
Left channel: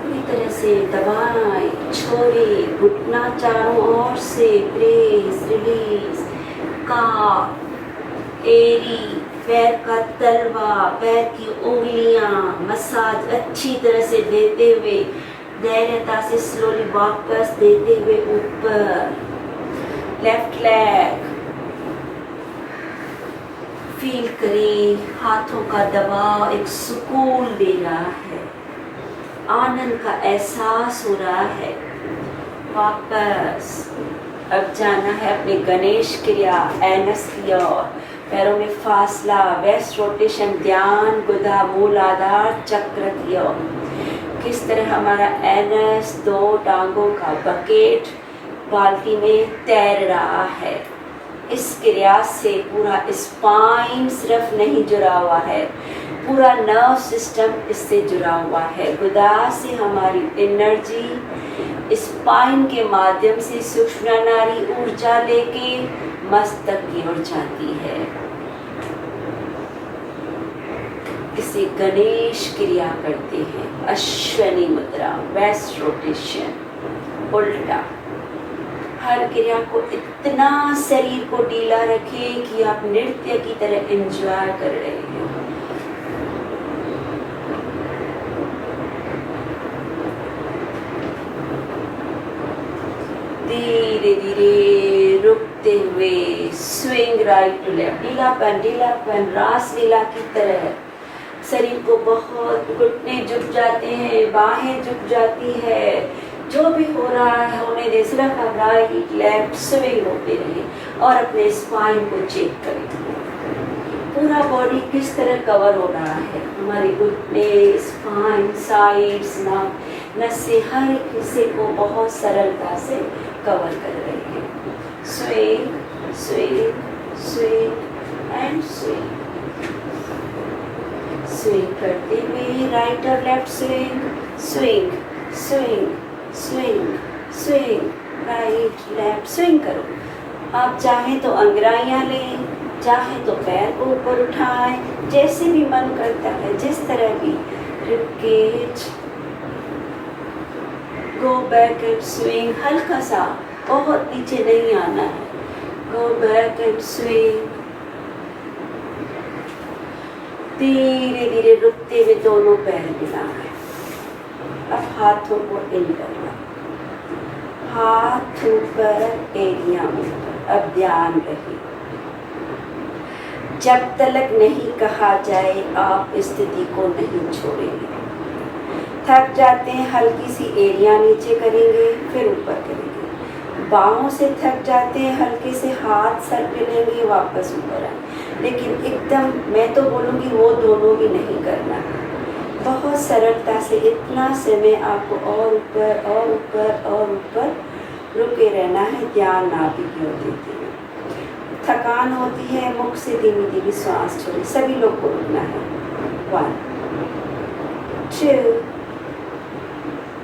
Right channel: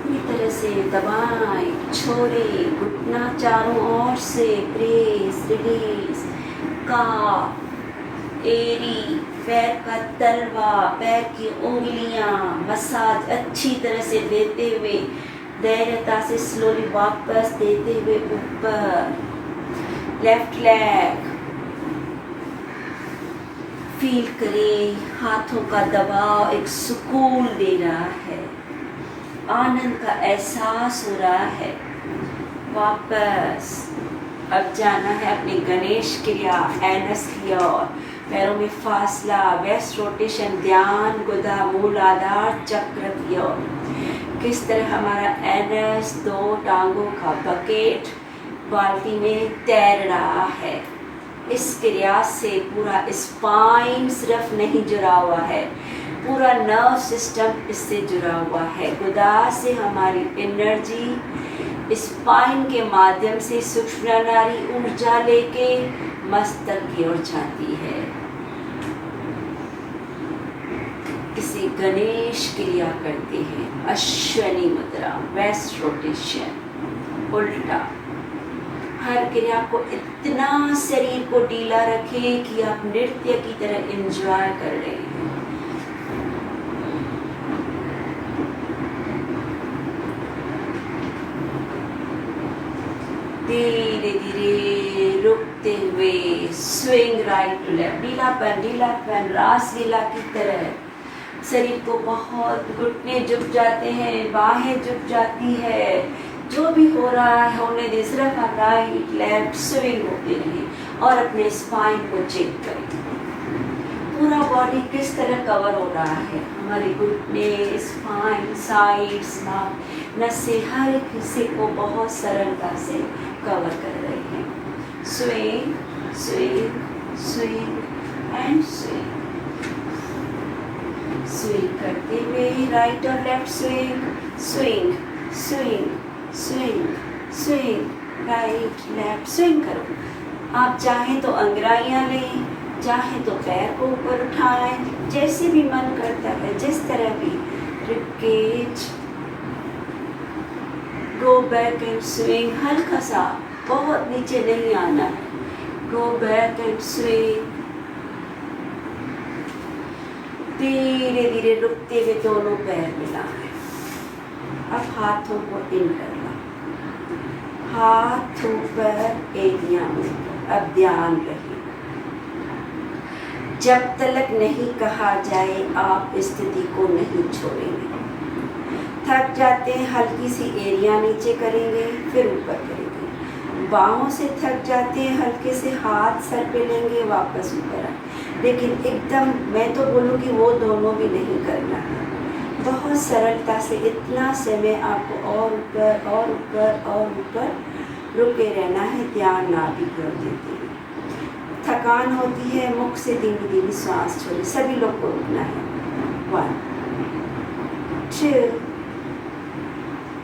पूरी तरह से दबाएं, छोड़े, घुटना चारों ओर से, प्रेस रिलीज। काफ, एरी, पैर का तलवा, पैर की उंगलियां मसाज अच्छी तरह से देते हुए, धैर्यता से स्लोली वापस देते हुए ऊपर। लेफ्ट लेग फील करें, हाथों का दबाव एक सुकून दे रहा है, आनंद का एहसास हो रहा है। वापस अब जाना है अपने गणेश क्रिया, एनस की ओर। पैरों में फासला, वेस्ट रोटेशन, ध्यान, गुदा, मूलाधार चक्र की ओर। किस तरह हमारा एनस दो टांगों का बकेट बाल्टी में तैर रहा है। इस क्रिया से पूरा स्पाइन सिर्फ नहीं जुड़ा हुआ है, पूरा नर्व सिस्टम इससे जुड़ा हुआ है। गुदा से हमारी एनर्जी स्पाइन के माध्यम से सूक्ष्म नाड़ी ऊर्जा लेके मस्तक की ओर जाती है। इसे गणेश क्रिया करते हैं। अश्वनी मुद्रा, वेस्ट रोटेशन, उल्टा। हर क्रिया को इतना शरीर को ढीला रखें कि आप नृत्य की तरह एंजॉय कर रहे हैं। धीरे धीरे रुकते हुए स्विंग राइट टू लेफ्ट। ढीलापन रासलीला की तरह शरीर को बहुत, घुटने झुक जाते हैं, बाहें झुक जाती है। जो भी हो रहा है होने दे, सिर्फ आप राइट लेफ्ट स्विंग होते रहे और अपने स्पाइन को चेक करें। पूरा बॉडी किस तरह कवर हो रहा है, हमारे घुटने, स्पाइन, साइड्स, नाक, नसें, हर एक हिस्से को बहुत सरलता से कवर कर रहे हैं। Swing swing swing and swing. Swing करते हुए राइट और left swing, swing swing swing swing, right left swing करो। आप चाहें तो अंगड़ाइयाँ लें, चाहें तो पैर को ऊपर उठाएं, जैसे भी मन करता है, जिस तरह भी। Ribcage, go back and swing, हल्का सा, बहुत नीचे नहीं आना है। Go back and swing. धीरे धीरे रुकते हुए दोनों पैर मिलाएं। अब हाथों को इन करना, हाथ ऊपर, एड़ियां ऊपर। अब ध्यान रहे, जब तक नहीं कहा जाए आप स्थिति को नहीं छोड़ेंगे। थक जाते हैं, हल्की सी एड़ियां नीचे करेंगे, फिर ऊपर करेंगे। बाहों से थक जाते हैं, हल्के से हाथ सर पे लेंगे, वापस ऊपर आए। लेकिन एकदम मैं तो बोलूँगी वो दोनों भी नहीं करना है। बहुत सरलता से इतना समय आपको और ऊपर और ऊपर और ऊपर रुके रहना है। ध्यान नाभि की ओर देते हुए। थकान होती है, मुख से धीमी धीमी सांस छोड़े। सभी लोग को रुकना है। 1 2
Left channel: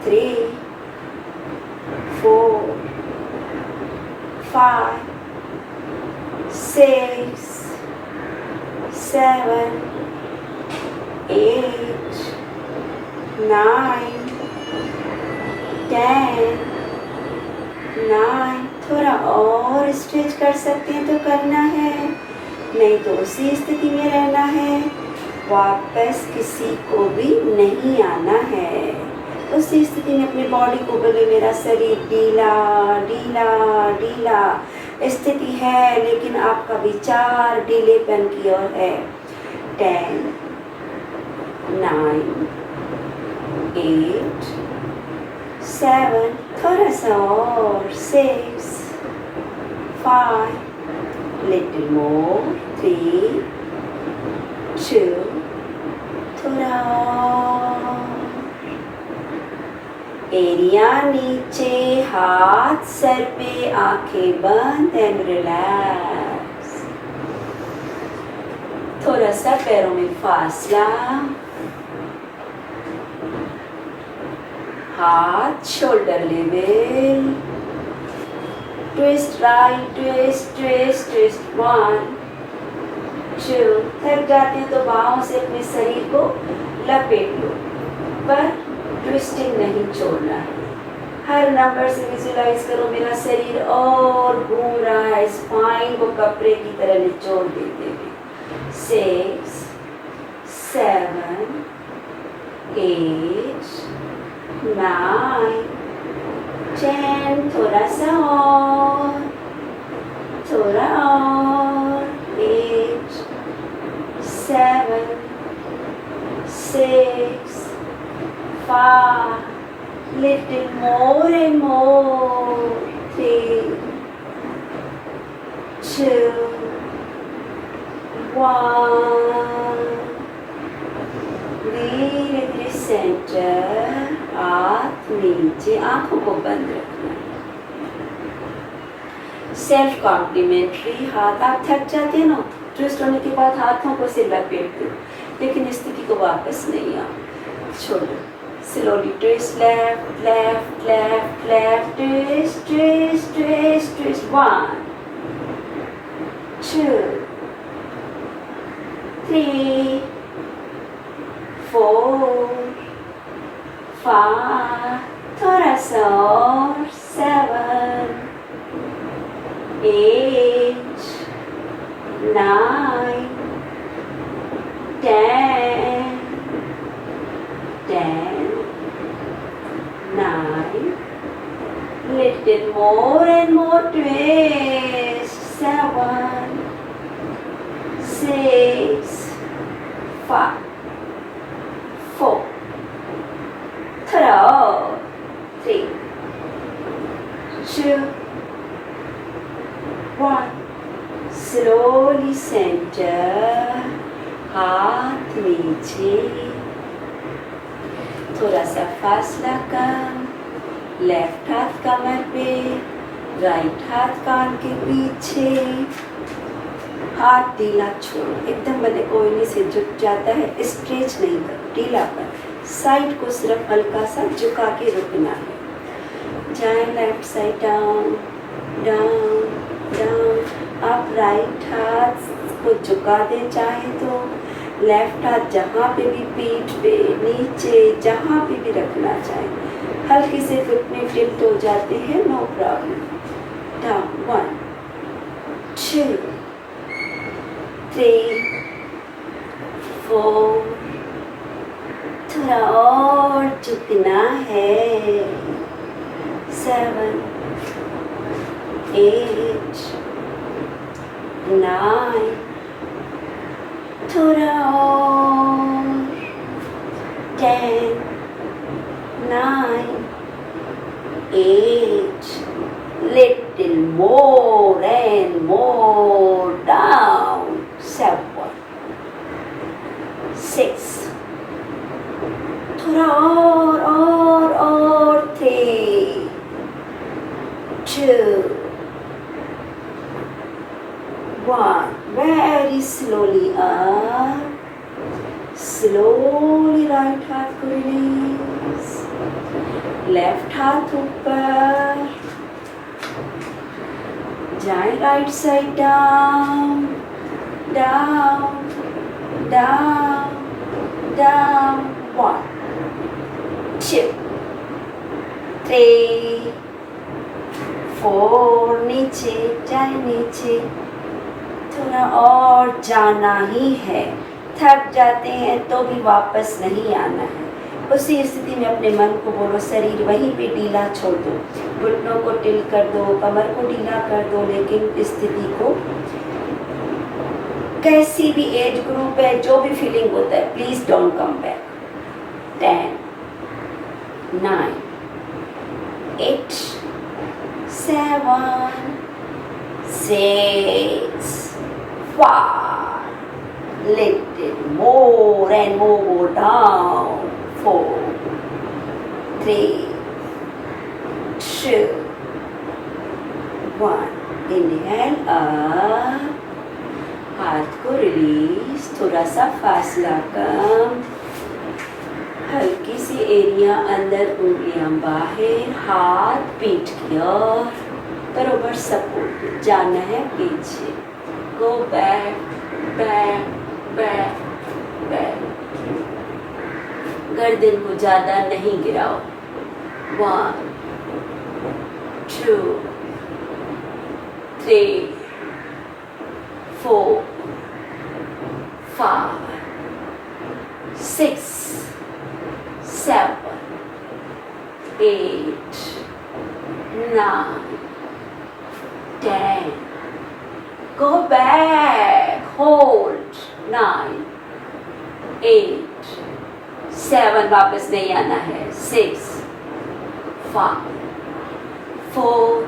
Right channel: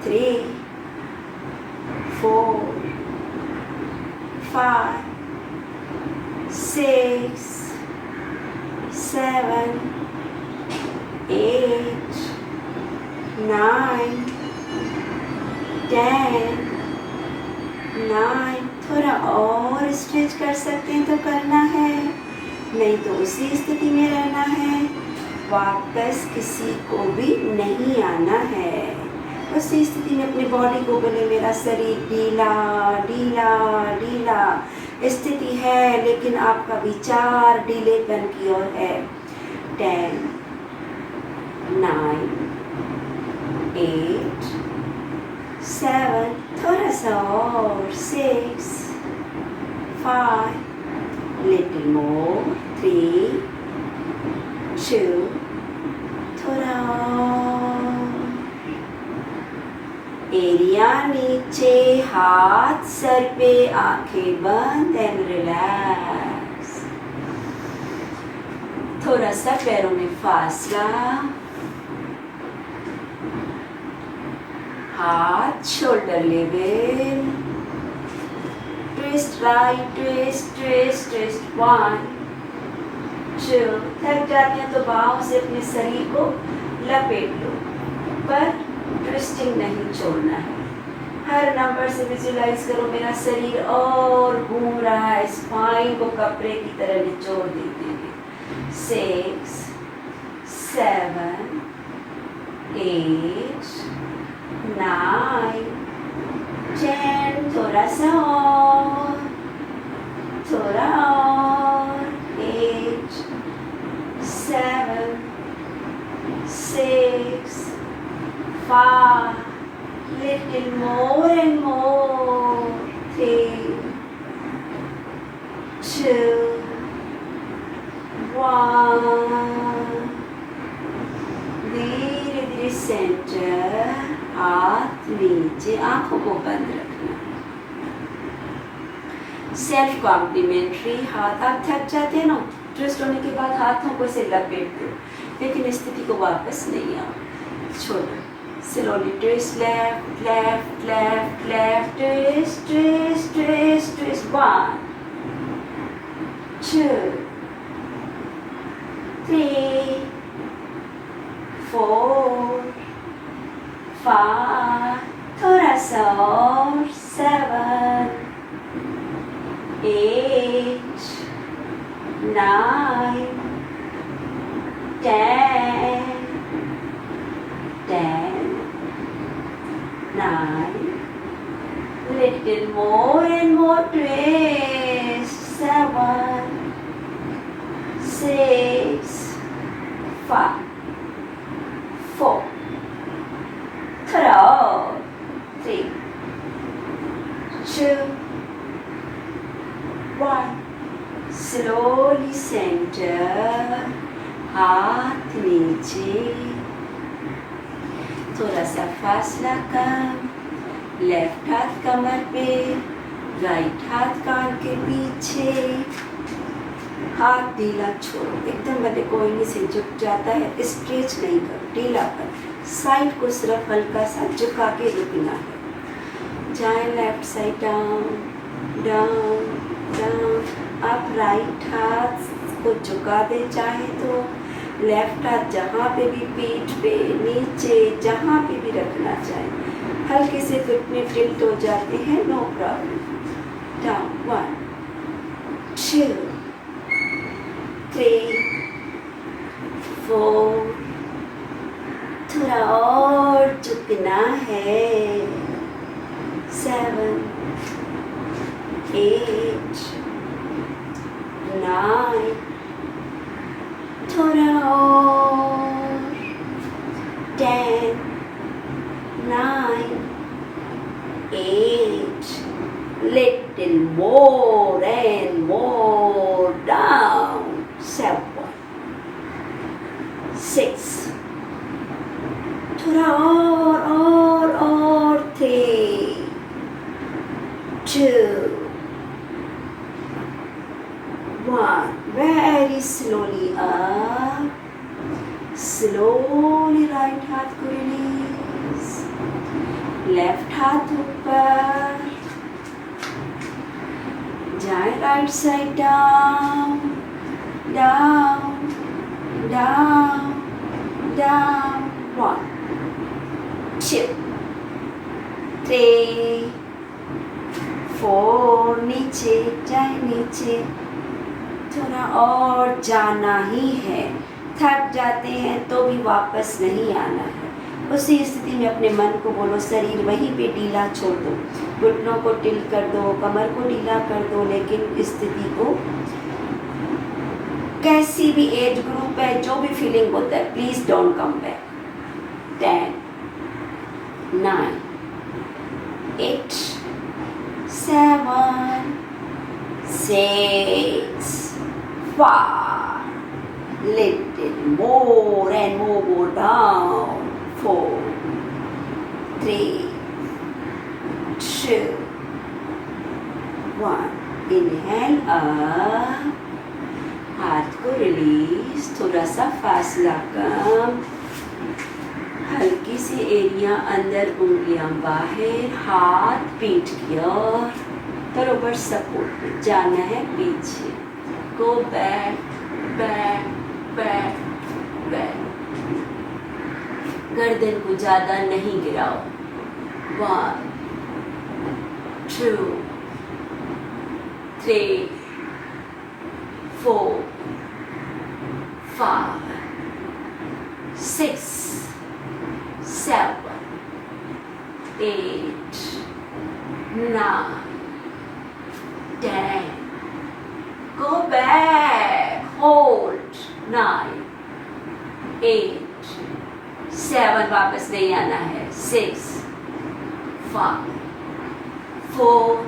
3 4 5 6 7 8 9 10 9। थोड़ा और स्ट्रेच कर सकते हैं तो करना है, नहीं तो उसी स्थिति में रहना है। वापस किसी को भी नहीं आना है। उसी स्थिति में अपनी बॉडी को बोले मेरा शरीर ढीला ढीला ढीला स्थिति है, लेकिन आपका विचार ढीलेपन की ओर है। 10 9 8 7, थोड़ा सा और 6 5 लिटिल मोर 3 2 थोड़ा और। एरिया नीचे, हाथ सर पे, आंखें बंद एंड रिलैक्स। थोड़ा सा पैरों में फासला, हाथ shoulder level. Twist right, twist twist twist. 1 2। थक जाते हैं तो बाहों से अपने शरीर को लपेट लो, पर ट्विस्टिंग नहीं छोड़ना है। हर नंबर से विजुलाइज करो मेरा शरीर और घूम रहा है, स्पाइन को कपड़े की तरह निचोड़ देते हुए। 6, 7, 8, 9, 10. थोड़ा सा और, थोड़ा और. 8, 7, 6, 5. Little more and more. 3, 2, 1. धीरे धीरे सेंटर, हाथ नीचे, आंखों को बंद रखना. सेल्फ कॉम्प्लीमेंट्री हाथ. आप थक जाते हैं ना, ट्विस्ट होने के बाद हाथों को से लपेटते हो, लेकिन स्थिति को वापस नहीं आओ, छोड़ो. Slowly twist left, left, left, left, twist, twist, twist, twist. 1, 2, 3, 4, 5. थोड़ा सा और. 7, 8, 9, 10. 9. Little more and more twist. 7, 6, 5, 4. 3, 2, 1. Slowly center, हाथ नीचे, थोड़ा सा फासला कम. लेफ्ट हाथ कमर पे, राइट हाथ कान के पीछे. हाथ ढीला छोड़ो, एकदम बंदे कोयले से झुक जाता है, स्ट्रेच नहीं करो, ढीला कर. साइड को सिर्फ हल्का सा झुका के रुकना है. जाए left side down, down, down. आप राइट हाथ को झुका दें चाहे तो. लेफ्ट हाथ जहाँ पे भी पीठ पे, नीचे, जहाँ पे भी रखना चाहे. हल्के से घुटने टिल्ट हो जाते हैं, नो प्रॉब्लम. डाउन. 1, 2, 3, 4. थोड़ा और झुकना है. 7, 8, 9. थोड़ा और. 10, 9, 8. Little more and more. Down. 7, 6. थोड़ा और. 3, 2, 1. Very slowly up. Slowly right हाथ को release. Left हाथ ऊपर. जाए right side down, down, down, down. 1, 2, 3, 4. नीचे जाए, नीचे. थोड़ा और जाना ही है. थक जाते हैं तो भी वापस नहीं आना है. उसी स्थिति में अपने मन को बोलो, शरीर वहीं पे ढीला छोड़ दो, घुटनों को टिल्ट कर दो, कमर को ढीला कर दो, लेकिन स्थिति को, कैसी भी एज ग्रुप है, जो भी फीलिंग होता है, please don't come back. 10, 9, 8, 7, 6, 5. Little more and more. Down. 4, 3, 2, 1. Inhale up. हाथ को रिलीज. थोड़ा सा फासला कम. हल्की सी एरिया अंदर, उंगलियां बाहर. हाथ पीठ की ओर, बरोबर सपोर्ट. जाना है पीछे. Go back, back, back, back. गर्दन को ज्यादा नहीं गिराओ. 1, 2, 3, 4, 5, 6, 7, 8, 9, 10. Go back. Hold. 9, 8, 7. वापस नहीं आना है. 6, 5, 4,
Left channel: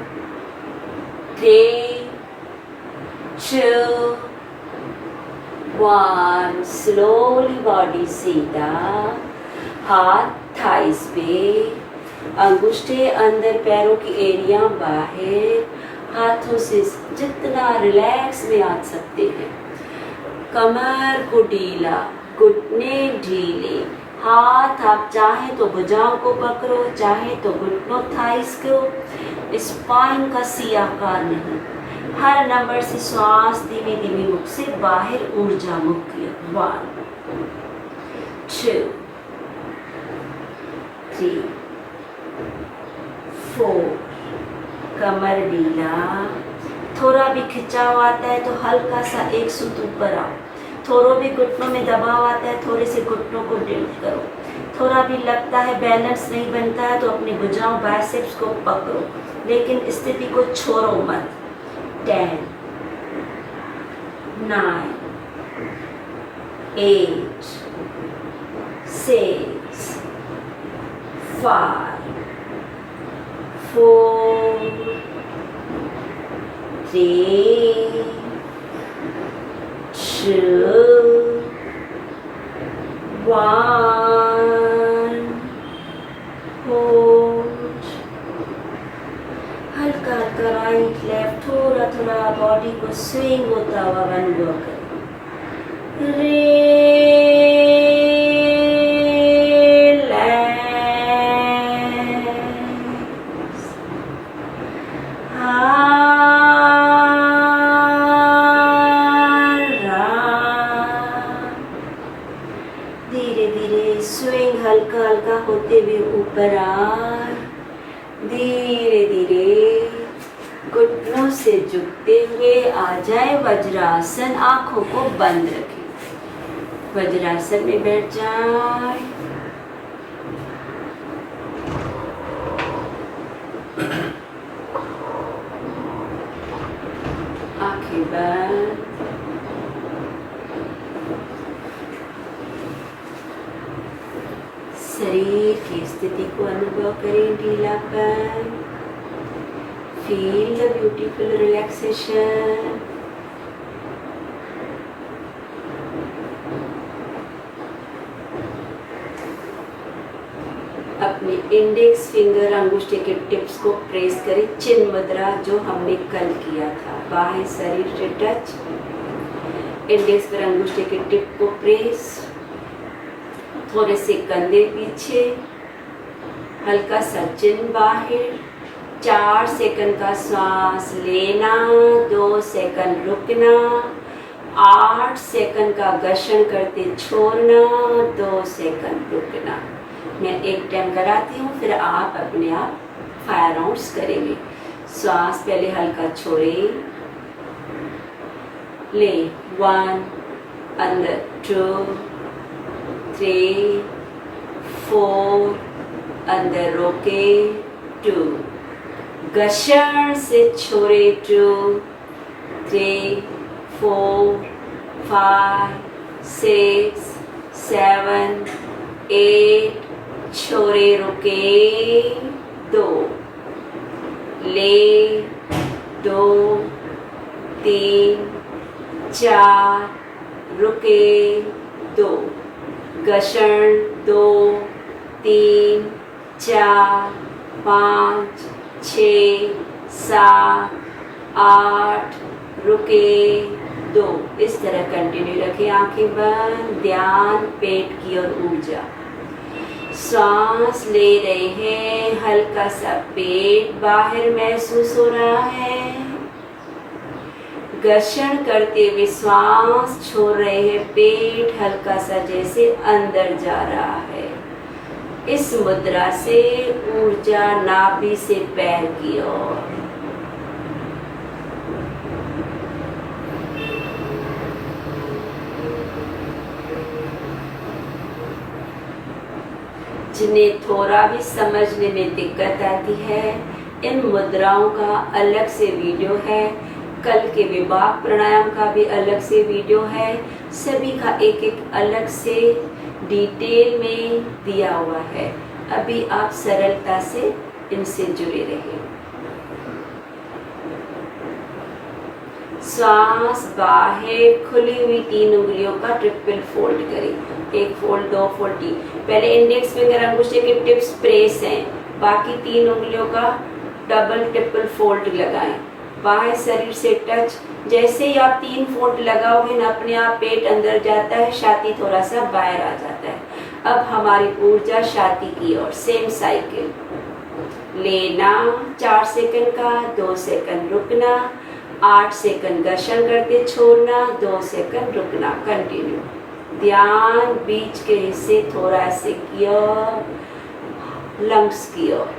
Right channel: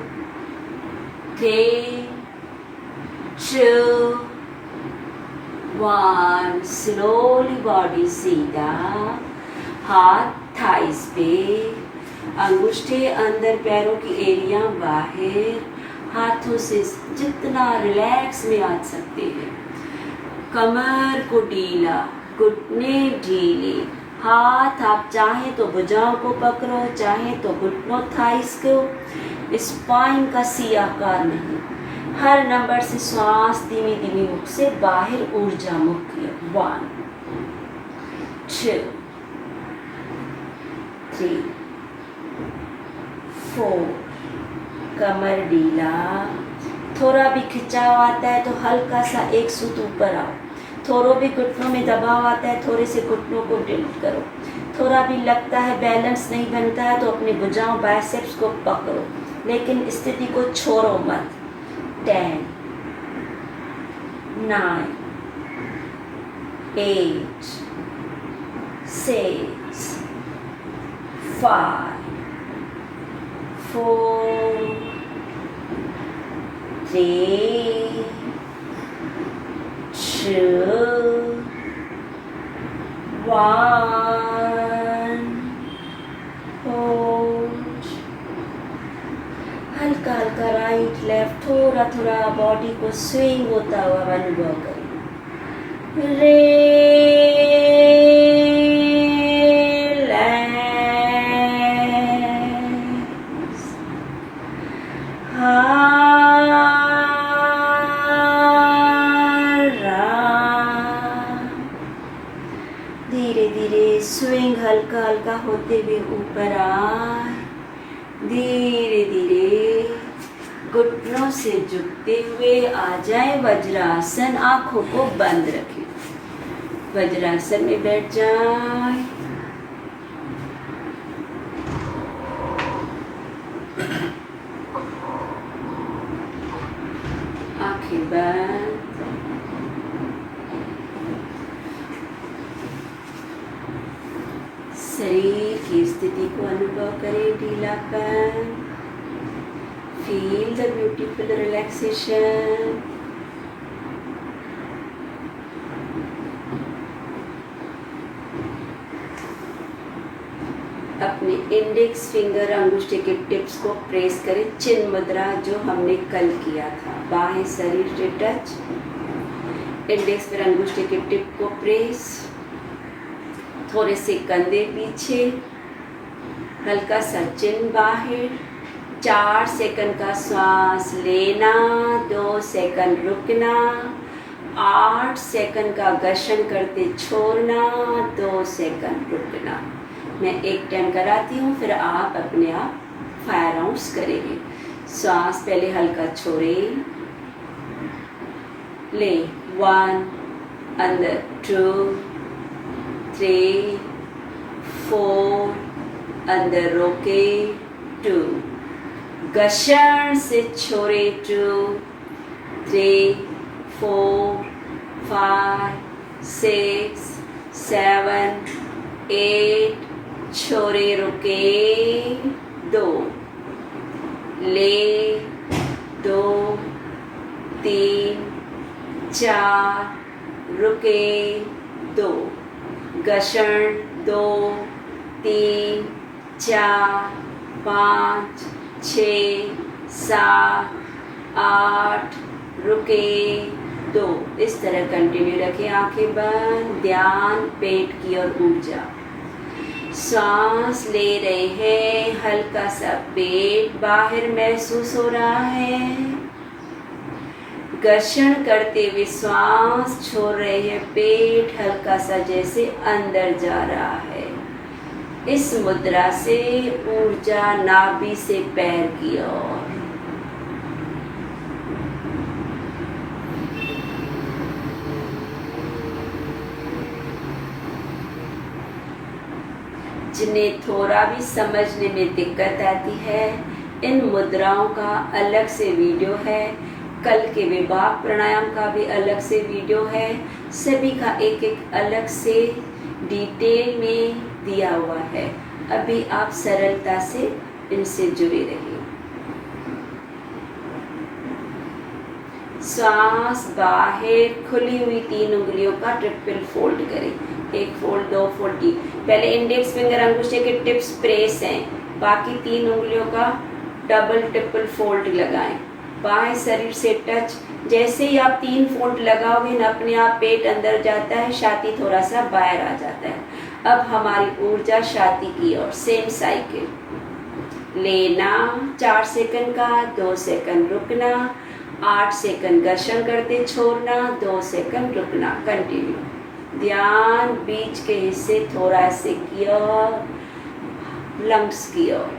3, 2, 1. Slowly body सीधा. हाथ थाइस पे, अंगूठे अंदर, पैरों की एरिया बाहर. हाथों से जितना रिलैक्स में आ सकते हैं. कमर को ढीला, घुटने ढीले. हाथ आप चाहे तो भुजाओं को पकड़ो, चाहे तो घुटनों थाइस को. स्पाइन का सी आकार नहीं. हर नंबर से श्वास धीमी धीमी मुख से बाहर, ऊर्जा मुक्त. 1, 2, 3, 4. कमर ढीला. थोड़ा भी खिंचाव आता है तो हल्का सा एक सूत ऊपर आओ. थोड़ा भी घुटनों में दबाव आता है, थोड़े से घुटनों को टिल्ट करो. थोड़ा भी लगता है बैलेंस नहीं बनता है तो अपनी भुजाओं बाइसेप्स को पकड़ो, लेकिन स्थिति को छोड़ो मत. 10, 9, 8, 6, 5, 4, 3, 2, 1. होल्ड. हल्का हल्का राइट लेफ्ट, थोड़ा थोड़ा बॉडी को स्विंग होता हुआ अनुभव करें. धीरे धीरे स्विंग हल्का हल्का होते हुए ऊपर आए. धीरे धीरे घुटनों से झुकते हुए आ जाए वज्रासन. आंखों को बंद रखें. वज्रासन में बैठ जाए. आंखें बंद. शरीर की स्थिति को अनुभव करें. ढीलापन. Feel the beautiful relaxation. अपने इंडेक्स फिंगर अंगूठे के टिप्स को प्रेस करें. चिन्ह मुद्रा जो हमने कल किया था. बाएं शरीर से टच. इंडेक्स फिर अंगूठे के टिप को प्रेस. थोड़े से कंधे पीछे. हल्का सा चिन्ह बाहर. 4 सेकंड का श्वास लेना. 2 सेकंड रुकना. 8 सेकंड का घर्षण करते छोड़ना. 2 सेकंड रुकना. मैं एक टाइम कराती हूँ, फिर आप अपने आप फायर राउंड्स करेंगे. श्वास पहले हल्का छोड़े. ले. 1, अंदर. 2, 3, 4, अंदर रोके. 2, घर्षण से छोड़े. 2, 3, 4, 5, 6, 7, 8. छोड़े. रुके. 2. ले. 2, 3, 4. रुके. 2. घर्षण. 2, 3, 4, 5, 6, 7, 8. रुके. 2. इस तरह कंटिन्यू रखें. आंखें बंद. ध्यान पेट की ओर ऊर्जा. सांस ले रहे हैं. हल्का सा पेट बाहर महसूस हो रहा है. घर्षण करते हुए श्वास छोड़ रहे हैं. पेट हल्का सा जैसे अंदर जा रहा है. इस मुद्रा से ऊर्जा नाभि से पैर की ओर. जिन्हें थोड़ा भी समझने में दिक्कत आती है, इन मुद्राओं का अलग से वीडियो है। कल के विभाग प्राणायाम का भी अलग से वीडियो है। सभी का एक एक अलग से डिटेल में दिया हुआ है। अभी आप सरलता से इनसे जुड़े रहिए। श्वास बाहर, खुली हुई 3 उंगलियों का ट्रिपल फोल्ड करें। 1 फोल्ड, 2 फोल्ड, 3। पहले इंडेक्स फिंगर अंगूठे के टिप्स प्रेस हैं, बाकी 3 उंगलियों का डबल ट्रिपल फोल्ड लगाएं। बाएं शरीर से टच। जैसे ही आप 3 फोल्ड लगाओगे न, अपने आप पेट अंदर जाता है, छाती थोड़ा सा बाहर आ जाता है। अब हमारी ऊर्जा छाती की ओर। सेम साइकिल लेना 4 सेकंड का, 2 सेकंड रुकना, 8 सेकंड घर्षण करते छोड़ना, 2 सेकंड रुकना। कंटिन्यू। ध्यान बीच के हिस्से थोरैसिक की ओर, लंग्स की ओर।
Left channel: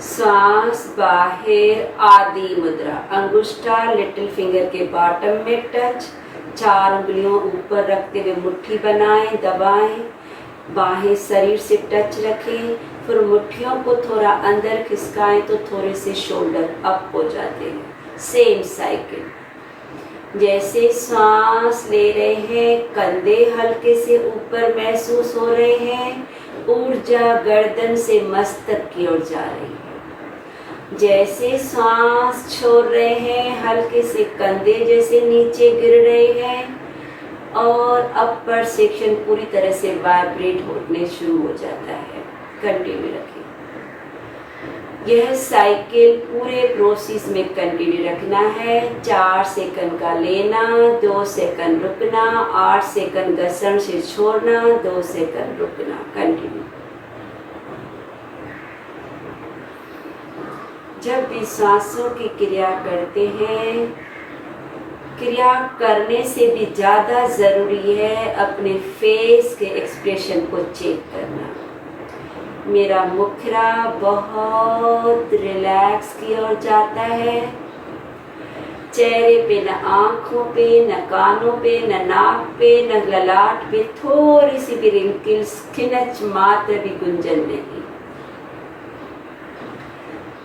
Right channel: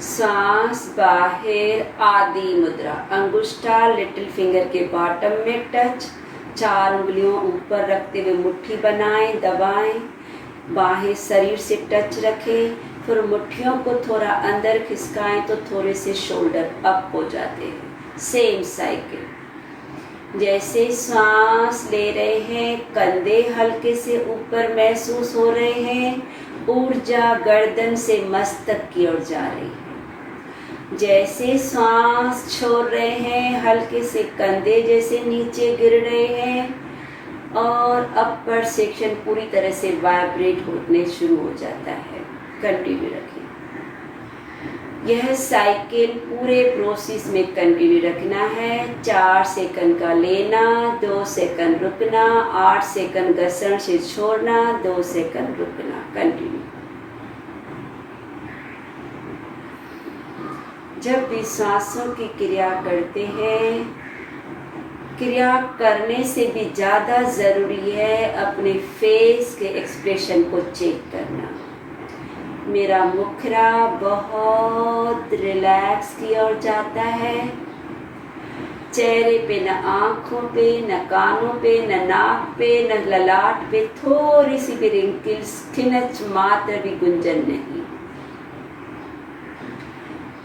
सांस बाहर, आदि मुद्रा। अंगुष्ठा लिटिल फिंगर के बॉटम में टच। 4 उंगलियों ऊपर रखते हुए मुट्ठी बनाएं, दबाएं। बाहें शरीर से टच रखें। फिर मुट्ठियों को थोड़ा अंदर खिसकाएं तो थोड़े से शोल्डर अप हो जाते हैं। Same cycle. जैसे सांस ले रहे हैं, कंधे हल्के से ऊपर महसूस हो रहे हैं। ऊर्जा गर्दन से मस्तक की ओर जा रही है। जैसे सांस छोड़ रहे हैं, हल्के से कंधे जैसे नीचे गिर रहे हैं और अपर सेक्शन पूरी तरह से वाइब्रेट होने शुरू हो जाता है। कंटिन्यू रखें। यह साइकिल पूरे प्रोसेस में कंटिन्यू रखना है। 4 सेकंड का लेना, 2 सेकंड रुकना, 8 सेकंड घर्षण से छोड़ना, 2 सेकंड रुकना। कंटिन्यू। जब भी सांसों की क्रिया करते हैं, क्रिया करने से भी ज़्यादा ज़रूरी है अपने फेस के एक्सप्रेशन को चेक करना। मेरा मुखड़ा बहुत रिलैक्स की ओर जाता है। चेहरे पे न आँखों पे, न कानों पे, न नाक पे, न ललाट पे थोड़ी सी भी रिंकल्स, खिंच मात्र भी गुंजन नहीं।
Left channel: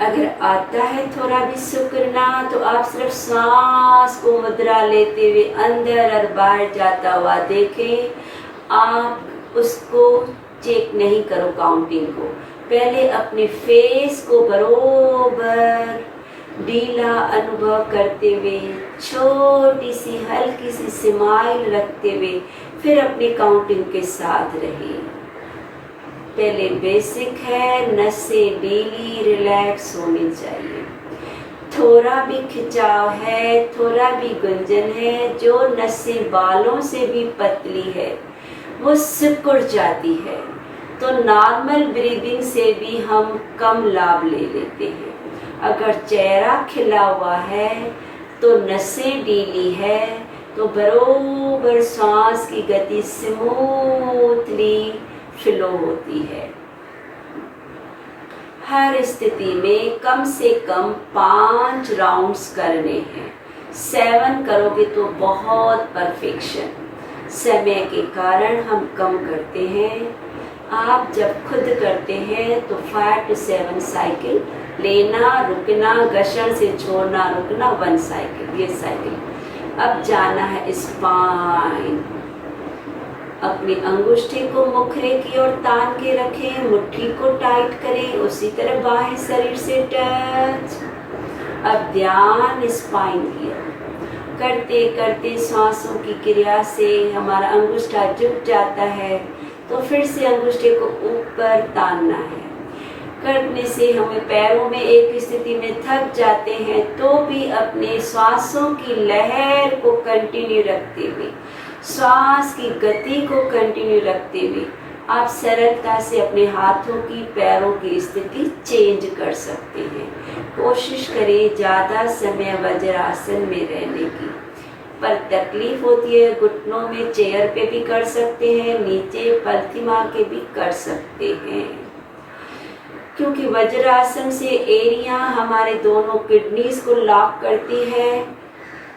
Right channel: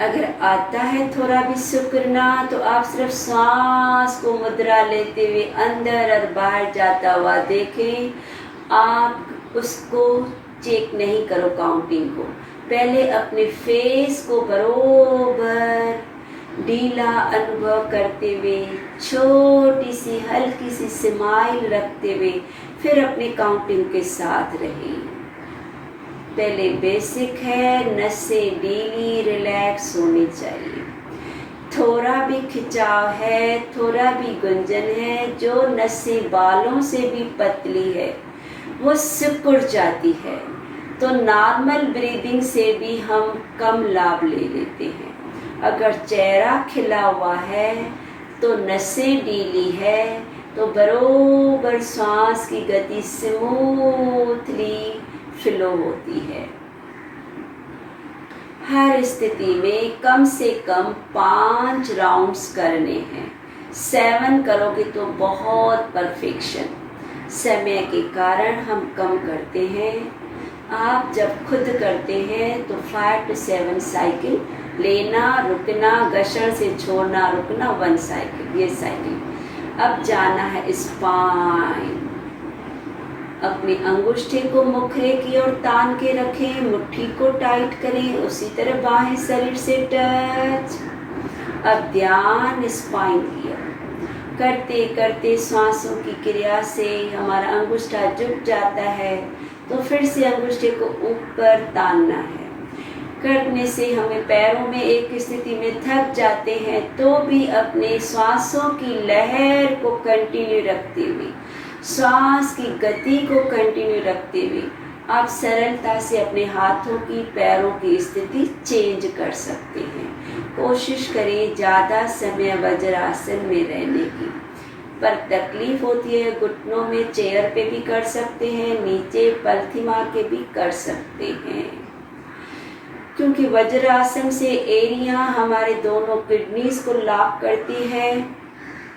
अगर आता है थोड़ा भी शुक्रना तो आप सिर्फ सांस को मुद्रा लेते हुए अंदर और बाहर जाता हुआ देखें। आप उसको चेक नहीं करो काउंटिंग को। पहले अपने फेस को बरोबर ढीला अनुभव करते हुए, छोटी सी हल्की सी स्माइल रखते हुए फिर अपनी काउंटिंग के साथ रहिए। पहले बेसिक है, नसें ढीली रिलैक्स होनी चाहिए। थोड़ा भी खिंचाव है, थोड़ा भी गुंजन है, जो नसें बालों से भी पतली है वो सिकुड़ जाती है, तो नॉर्मल ब्रीदिंग से भी हम कम लाभ ले लेते हैं। अगर चेहरा खिला हुआ है तो नसें ढीली है तो बरोबर सांस की गति स्मूथली फ्लो होती है। हर स्थिति में कम से कम 5 राउंड्स करने हैं। 7 करोगे तो बहुत परफेक्शन। समय के कारण हम कम करते हैं। आप जब खुद करते हैं तो 5 to 7 साइकिल लेना, रुकना, घर्षण से छोड़ना, रुकना, 1 साइकिल। ये साइकिल। अब जाना है स्पाइन। अपनी अंगुष्ठे को मुखरे की ओर तान के रखें, मुट्ठी को टाइट करें, उसी तरह बाएं शरीर से टच। अब ध्यान स्पाइन की ओर। करते करते सांसों की क्रिया से हमारा अंगूठा झुक जाता है, तो फिर से अंगूठे को ऊपर तानना है। करने से हमें पैरों में एक स्थिति में थक जाते हैं, तो भी अपने श्वासों की लहर को कंटिन्यू रखते हुए, श्वास की गति को कंटिन्यू रखते हुए आप सरलता से अपने हाथों की, पैरों की स्थिति चेंज कर सकते हैं। कोशिश करें ज़्यादा समय वज्रासन में रहने की। पर तकलीफ होती है घुटनों में, चेयर पे भी कर सकते हैं, नीचे पलथी मार के भी कर सकते हैं, क्योंकि वज्रासन से एरिया हमारे दोनों किडनीज को लॉक करती है।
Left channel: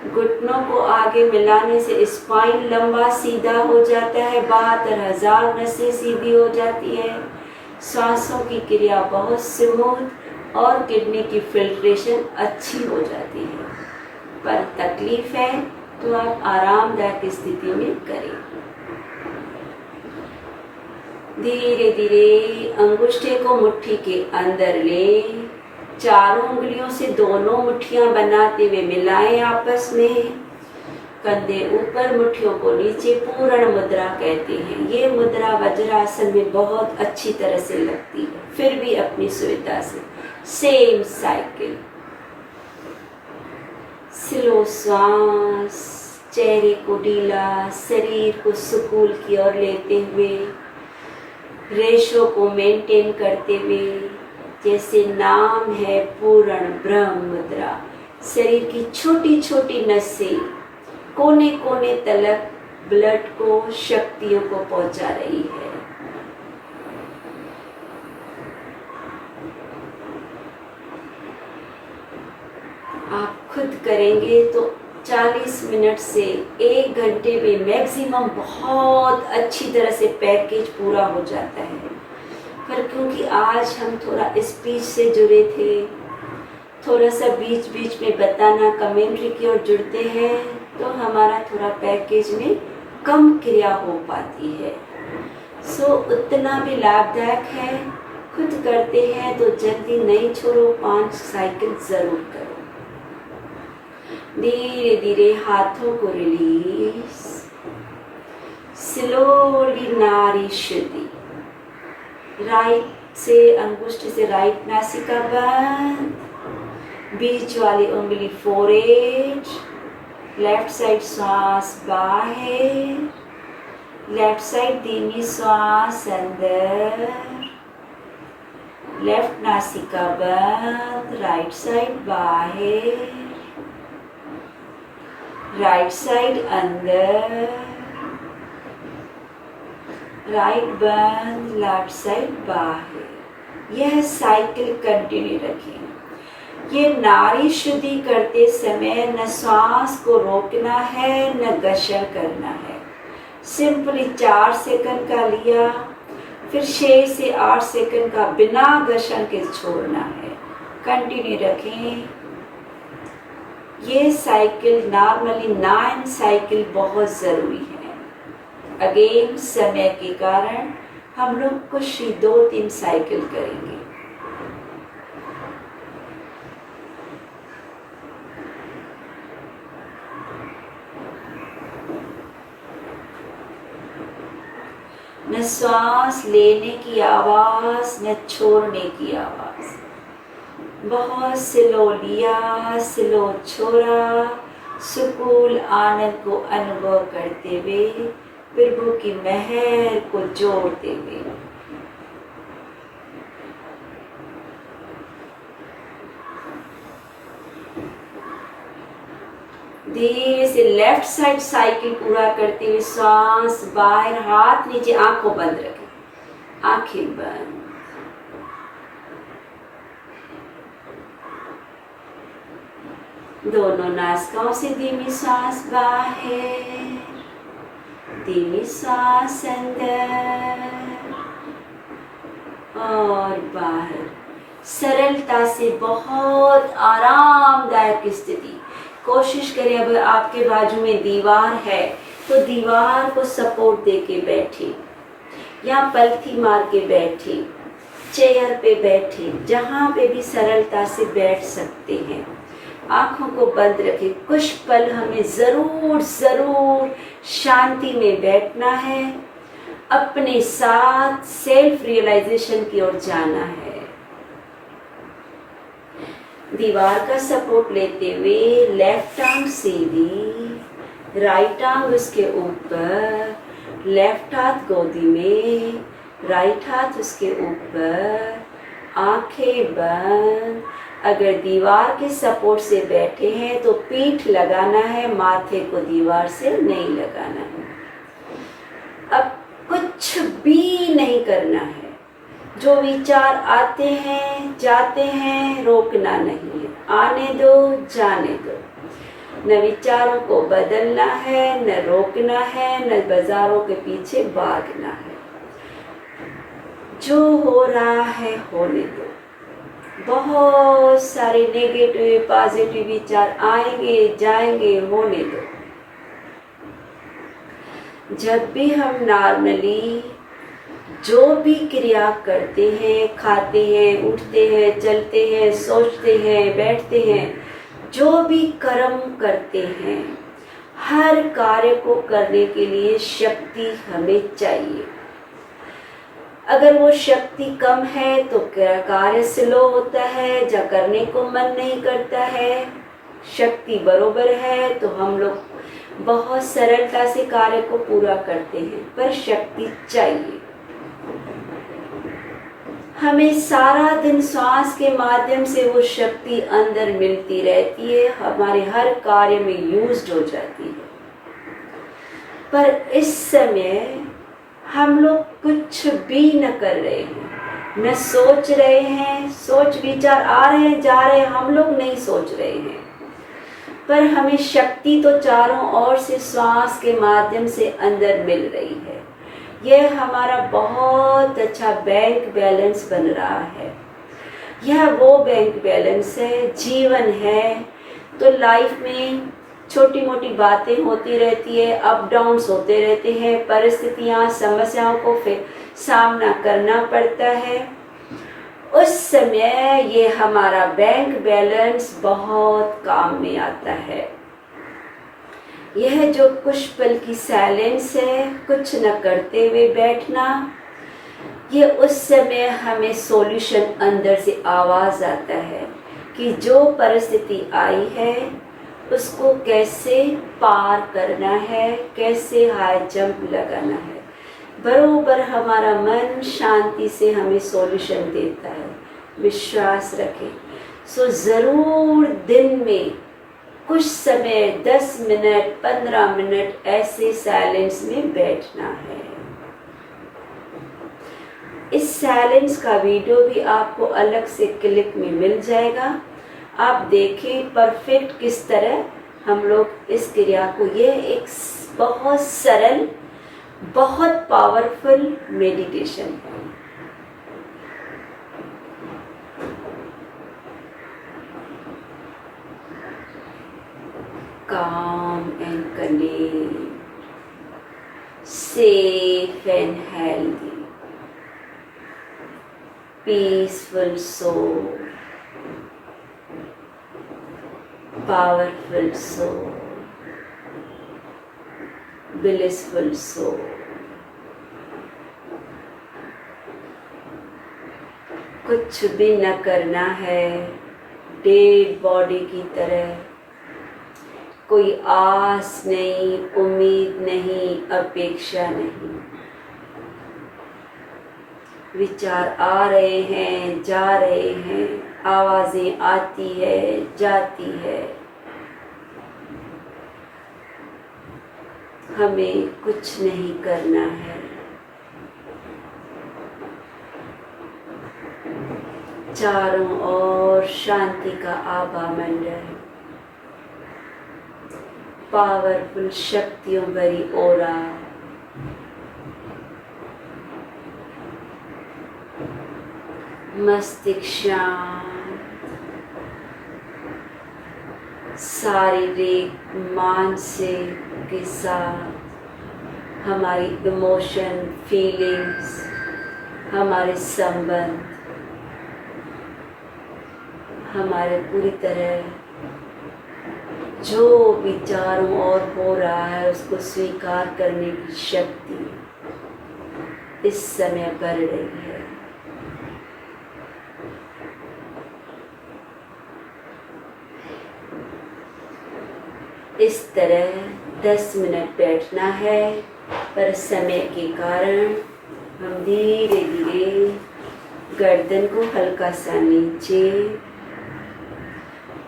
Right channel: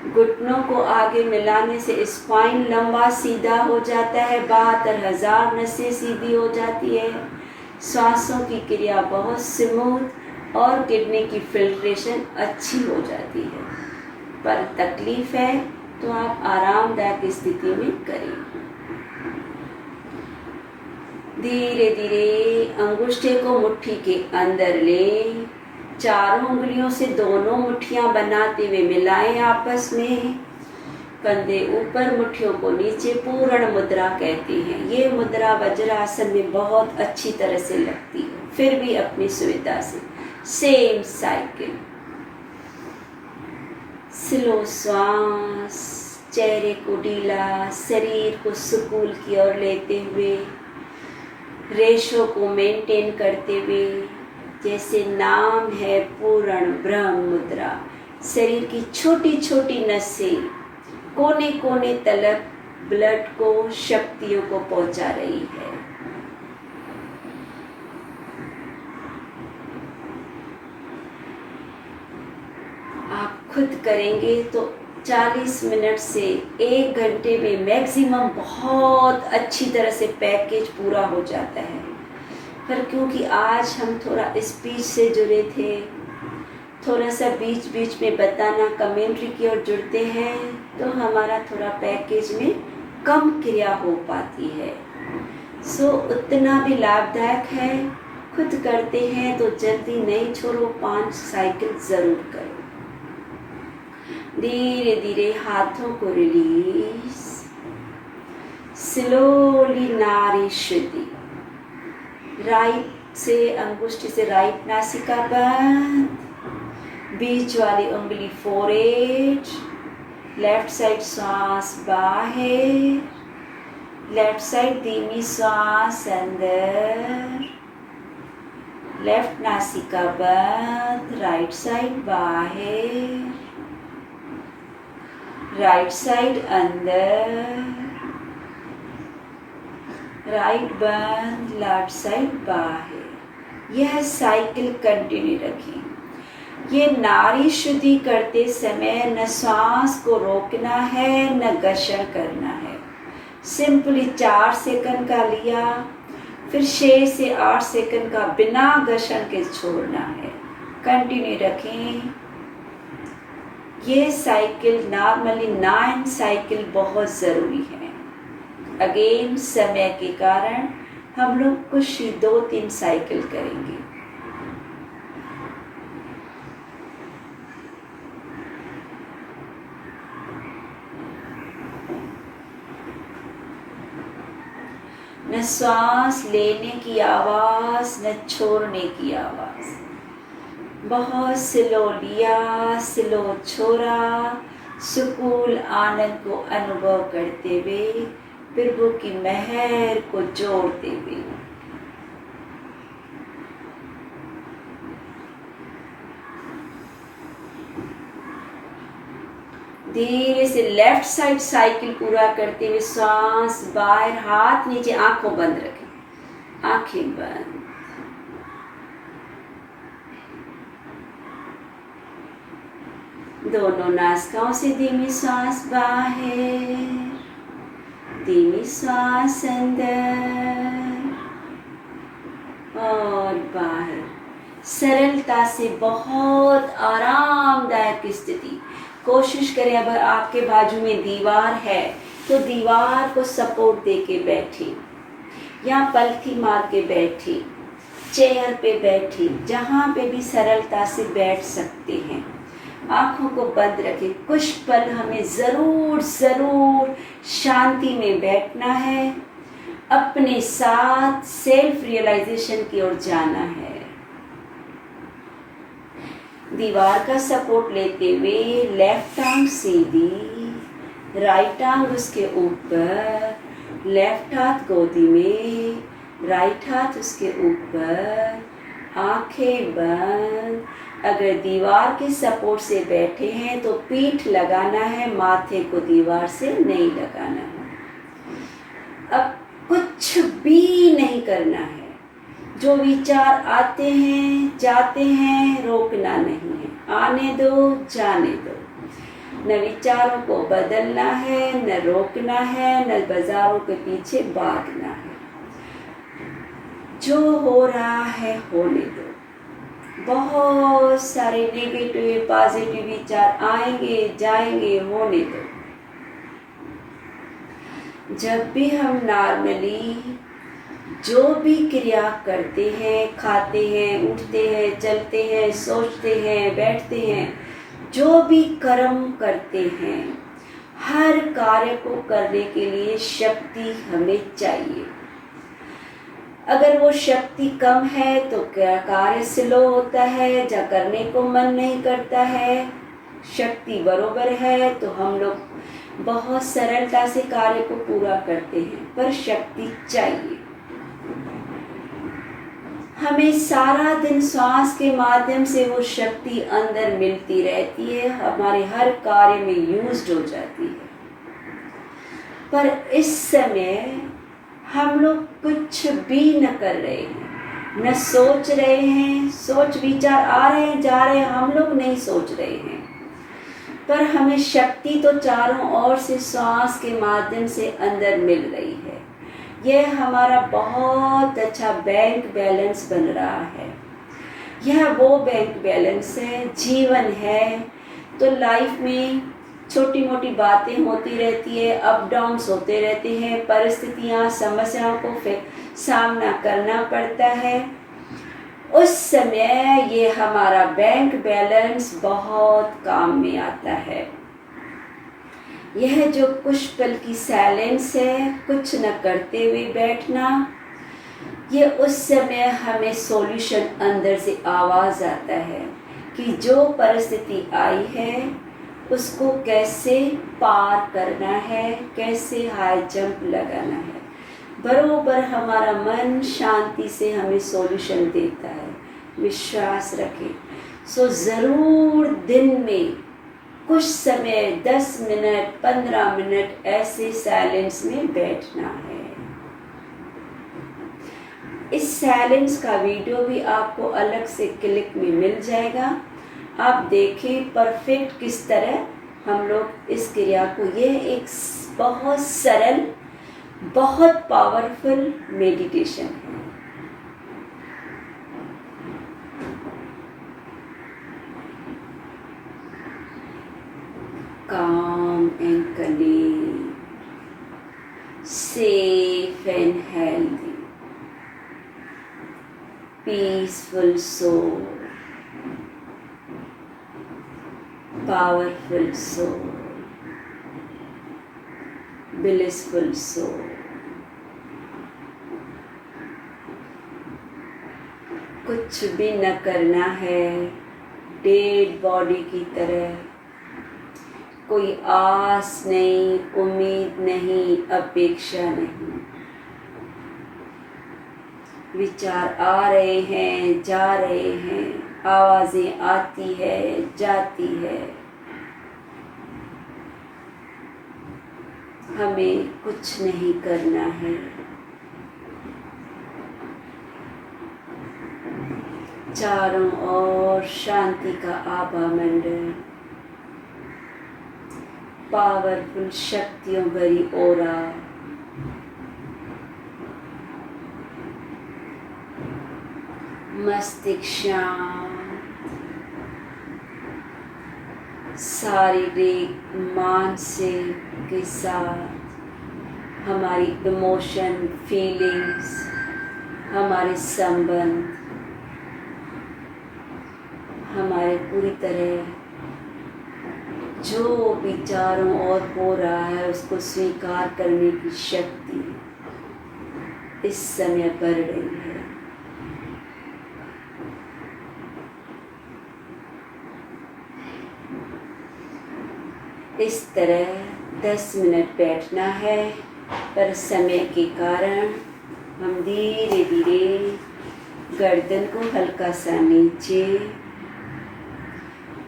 घुटनों को आगे मिलाने से स्पाइन लंबा सीधा हो जाता है, 72,000 नसें सीधी हो जाती है, सांसों की क्रिया बहुत स्मूथ और किडनी की फिल्ट्रेशन अच्छी हो जाती है। पर तकलीफ है तो आप आरामदायक स्थिति में करें। धीरे धीरे अंगूठे को मुट्ठी के अंदर ले, चारों उंगलियों से दोनों मुट्ठियां बनाते हुए मिलाएं आपस में। कंधे ऊपर, मुट्ठियों को नीचे, पूर्ण मुद्रा कहते हैं। ये मुद्रा वज्रासन में बहुत अच्छी तरह से लगती है। फिर भी अपनी सुविधा से सेम साइकिल, स्लो श्वास, चेहरे को ढीला, शरीर को सुकून की ओर लेते हुए, रेशो को मेंटेन करते हुए, जैसे नाम है पूर्ण ब्रह्म मुद्रा। शरीर की छोटी छोटी नसें कोने कोने तलक ब्लड को, शक्तियों को पहुंचा रही है। आप खुद करेंगे तो 40 मिनट से 1 घंटे में मैक्सिमम बहुत अच्छी तरह से पैकेज पूरा हो जाता है। पर क्योंकि आज हम थोड़ा स्पीच से जुड़े थे, थोड़ा सा बीच बीच में बताना, कमेंट्री की ओर जुड़ते हैं, तो हमारा थोड़ा पैकेज में कम क्रिया हो पाती है। सो उतना भी लाभदायक है। खुद करते हैं तो जल्दी नहीं छोड़ो, 5 साइकिल जरूर करो। धीरे धीरे हाथों को रिलीज, स्लोली नाड़ी शुद्धि। राइट से अंगुष्ठ से राइट नासिका बंद, बीच वाली उंगली फोरहेड, लेफ्ट साइड श्वास बाहर, लेफ्ट साइड धीमी श्वास अंदर, लेफ्ट नासिका बंद, राइट साइड बाहर, राइट साइड अंदर, राइट बंद, लेफ्ट साइड बाहर। यह साइकिल कंटिन्यू रखें। ये नाड़ी शुद्धि करते समय न श्वास को रोकना है न घर्षण करना है। सिंपली 4 सेकंड का लिया, फिर 6 से 8 सेकंड का बिना घर्षण के छोड़ना है। कंटिन्यू रखें। ये साइकिल नॉर्मली 9 साइकिल बहुत ज़रूरी है। अगेन समय के कारण हम लोग कुछ 2-3 साइकिल करेंगे। न श्वास लेने की आवाज न छोड़ने की आवाज, बहुत स्लो लिया, स्लो छोड़ा, सुकून आनंद को अनुभव करते हुए, प्रभु की महर को जोड़ते हुए। धीरे से लेफ्ट साइड साइकिल पूरा करते हुए सांस बाहर, हाथ नीचे, आंखों बंद रखें, आंखें बंद। दोनों नासिकाओं से धीमी सांस बाहर, धीमी सांस अंदर और बाहर। सरलता से बहुत आरामदायक स्थिति। कोशिश करें, अगर आपके बाजू में दीवार है तो दीवार को सपोर्ट देके बैठे या पलथी मार के बैठे, चेयर पे बैठे, जहाँ पे भी सरलता से बैठ सकते हैं। आँखों को बंद रखें। कुछ पल हमें ज़रूर शांति में बैठना है, अपने साथ सेल्फ रियलाइजेशन की ओर जाना है। दीवार का सपोर्ट लेते हुए लेफ्ट आर्म सीधी, राइट आर्म उसके ऊपर, लेफ्ट हाथ गोदी में, राइट हाथ उसके ऊपर, आंखें बंद। अगर दीवार के सपोर्ट से बैठे हैं तो पीठ लगाना है, माथे को दीवार से नहीं लगाना है। अब कुछ भी नहीं करना है। जो विचार आते हैं जाते हैं रोकना नहीं है, आने दो जाने दो। न विचारों को बदलना है, न रोकना है, न बाजारों के पीछे भागना है। जो हो रहा है होने दो। बहुत सारे नेगेटिव पॉजिटिव विचार आएंगे जाएंगे, होने दो। जब भी हम नॉर्मली जो भी क्रिया करते हैं, खाते हैं, उठते हैं, चलते हैं, सोचते हैं, बैठते हैं, जो भी कर्म करते हैं, हर कार्य को करने के लिए शक्ति हमें चाहिए। अगर वो शक्ति कम है तो कार्य स्लो होता है, जब करने को मन नहीं करता है। शक्ति बरोबर है तो हम लोग बहुत सरलता से कार्य को पूरा करते हैं, पर शक्ति चाहिए। हमें सारा दिन श्वास के माध्यम से वो शक्ति अंदर मिलती रहती है, हमारे हर कार्य में यूज्ड हो जाती है। पर इस समय हम लोग कुछ भी न कर रहे हैं, न सोच रहे हैं। सोच विचार आ रहे हैं जा रहे हैं, हम लोग नहीं सोच रहे हैं। पर हमें शक्ति तो चारों ओर से श्वास के माध्यम से अंदर मिल रही है। यह हमारा बहुत अच्छा बैंक बैलेंस बन रहा है। यह वो बैंक बैलेंस है, जीवन है। तो लाइफ में छोटी मोटी बातें होती रहती है, अप डाउन्स होते रहते हैं, परिस्थितियाँ समस्याओं को सामना करना पड़ता है। उस समय ये हमारा बैंक बैलेंस बहुत काम में आता है। यह जो कुछ पल की साइलेंस है, कुछ न करते हुए बैठना, ये उस समय हमें सॉल्यूशन अंदर से आवाज आता है कि जो परिस्थिति आई है उसको कैसे पार करना है, कैसे हाई जंप लगाना है। बरोबर हमारा मन शांति से हमें सॉल्यूशन देता है, विश्वास रखें। सो ज़रूर दिन में कुछ समय 10 मिनट 15 मिनट ऐसे साइलेंस में बैठना है। इस साइलेंस का वीडियो भी आपको अलग से क्लिक में मिल जाएगा। आप देखें परफेक्ट किस तरह हम लोग इस क्रिया को, ये एक बहुत सरल बहुत पावरफुल मेडिटेशन है। Calm and clean, safe and healthy, peaceful soul, powerful soul, blissful soul. कुछ भी न करना है, डेड बॉडी की तरह। कोई आस नहीं, उम्मीद नहीं, अपेक्षा नहीं। विचार आ रहे हैं जा रहे हैं, आवाजें आती है जाती है। हमें कुछ नहीं करना है। चारों ओर शांति का आभा मंडल, पावरफुल शक्तियों भरी ओरा, मस्तिष्क शांत, शारीरिक मानसिक के साथ हमारी इमोशन फीलिंग्स, हमारे संबंध हमारे पूरी तरह जो भी चारों ओर हो रहा है उसको स्वीकार करने की शक्ति इस समय बढ़ रही है। इस तरह 10 मिनट बैठना है, पर समय के कारण हम धीरे धीरे गर्दन को हल्का सा नीचे,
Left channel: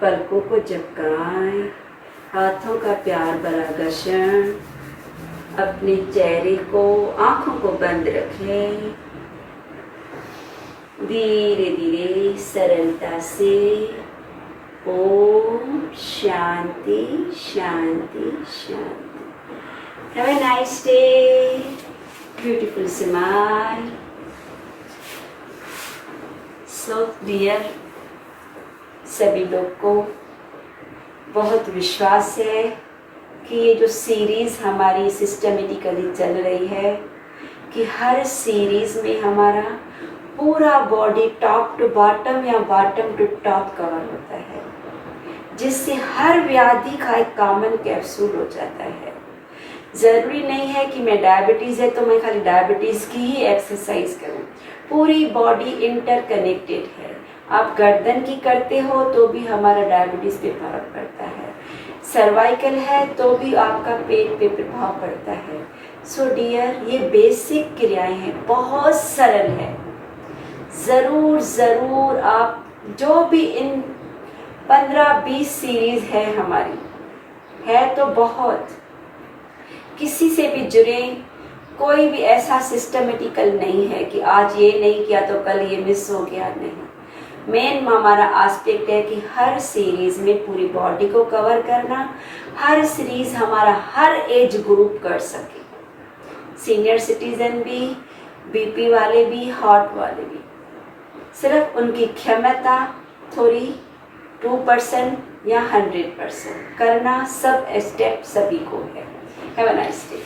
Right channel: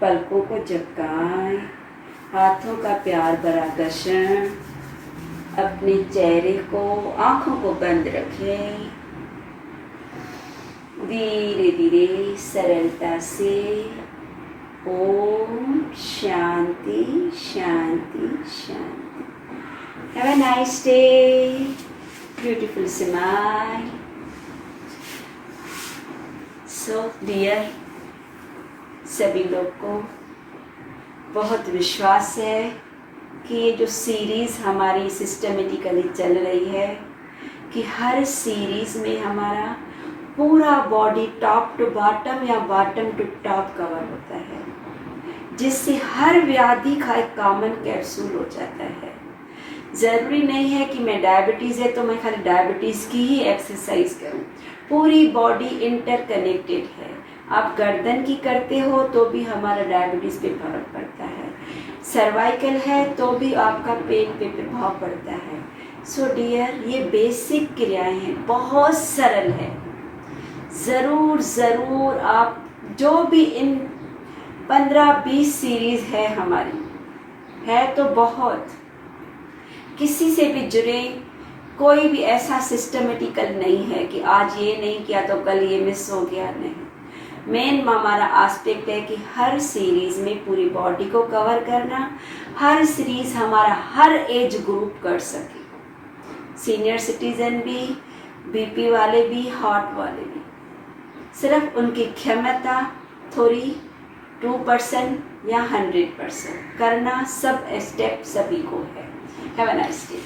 पलकों को झपकाएं, हाथों का प्यार भरा घर्षण, अपने चेहरे को, आंखों को बंद रखें। धीरे धीरे सरलता से ओम शांति शांति शांति। Have a nice day, beautiful smile. So dear, सभी लोग को बहुत विश्वास है कि ये जो सीरीज़ हमारी सिस्टमेटिकली चल रही है, कि हर सीरीज़ में हमारा पूरा बॉडी टॉप टू बॉटम या बॉटम टू टॉप कवर होता है, जिससे हर व्याधि का एक कॉमन कैप्सूल हो जाता है। ज़रूरी नहीं है कि मैं डायबिटीज़ है तो मैं खाली डायबिटीज़ की ही एक्सरसाइज करूं, पूरी बॉडी इंटरकनेक्टेड है। आप गर्दन की करते हो तो भी हमारा डायबिटीज़ पे फर्क पड़ता है, सर्वाइकल है तो भी आपका पेट पे प्रभाव पड़ता है। सो डियर, ये बेसिक क्रियाएं हैं, बहुत सरल है। ज़रूर ज़रूर आप जो भी इन 15-20 सीरीज़ है हमारी, है तो बहुत, किसी से भी जुड़े, कोई भी ऐसा सिस्टमेटिकल नहीं है कि आज ये नहीं किया तो कल ये मिस हो गया, नहीं। मेन हमारा एस्पेक्ट है कि हर सीरीज़ में पूरी बॉडी को कवर करना, हर सीरीज़ हमारा हर एज ग्रुप कर सके, सीनियर सिटीजन भी, बीपी वाले भी, हार्ट वाले भी। सिर्फ उनकी क्षमता थोड़ी 2% या 100% करना, सब स्टेप सभी को है। Have a nice day.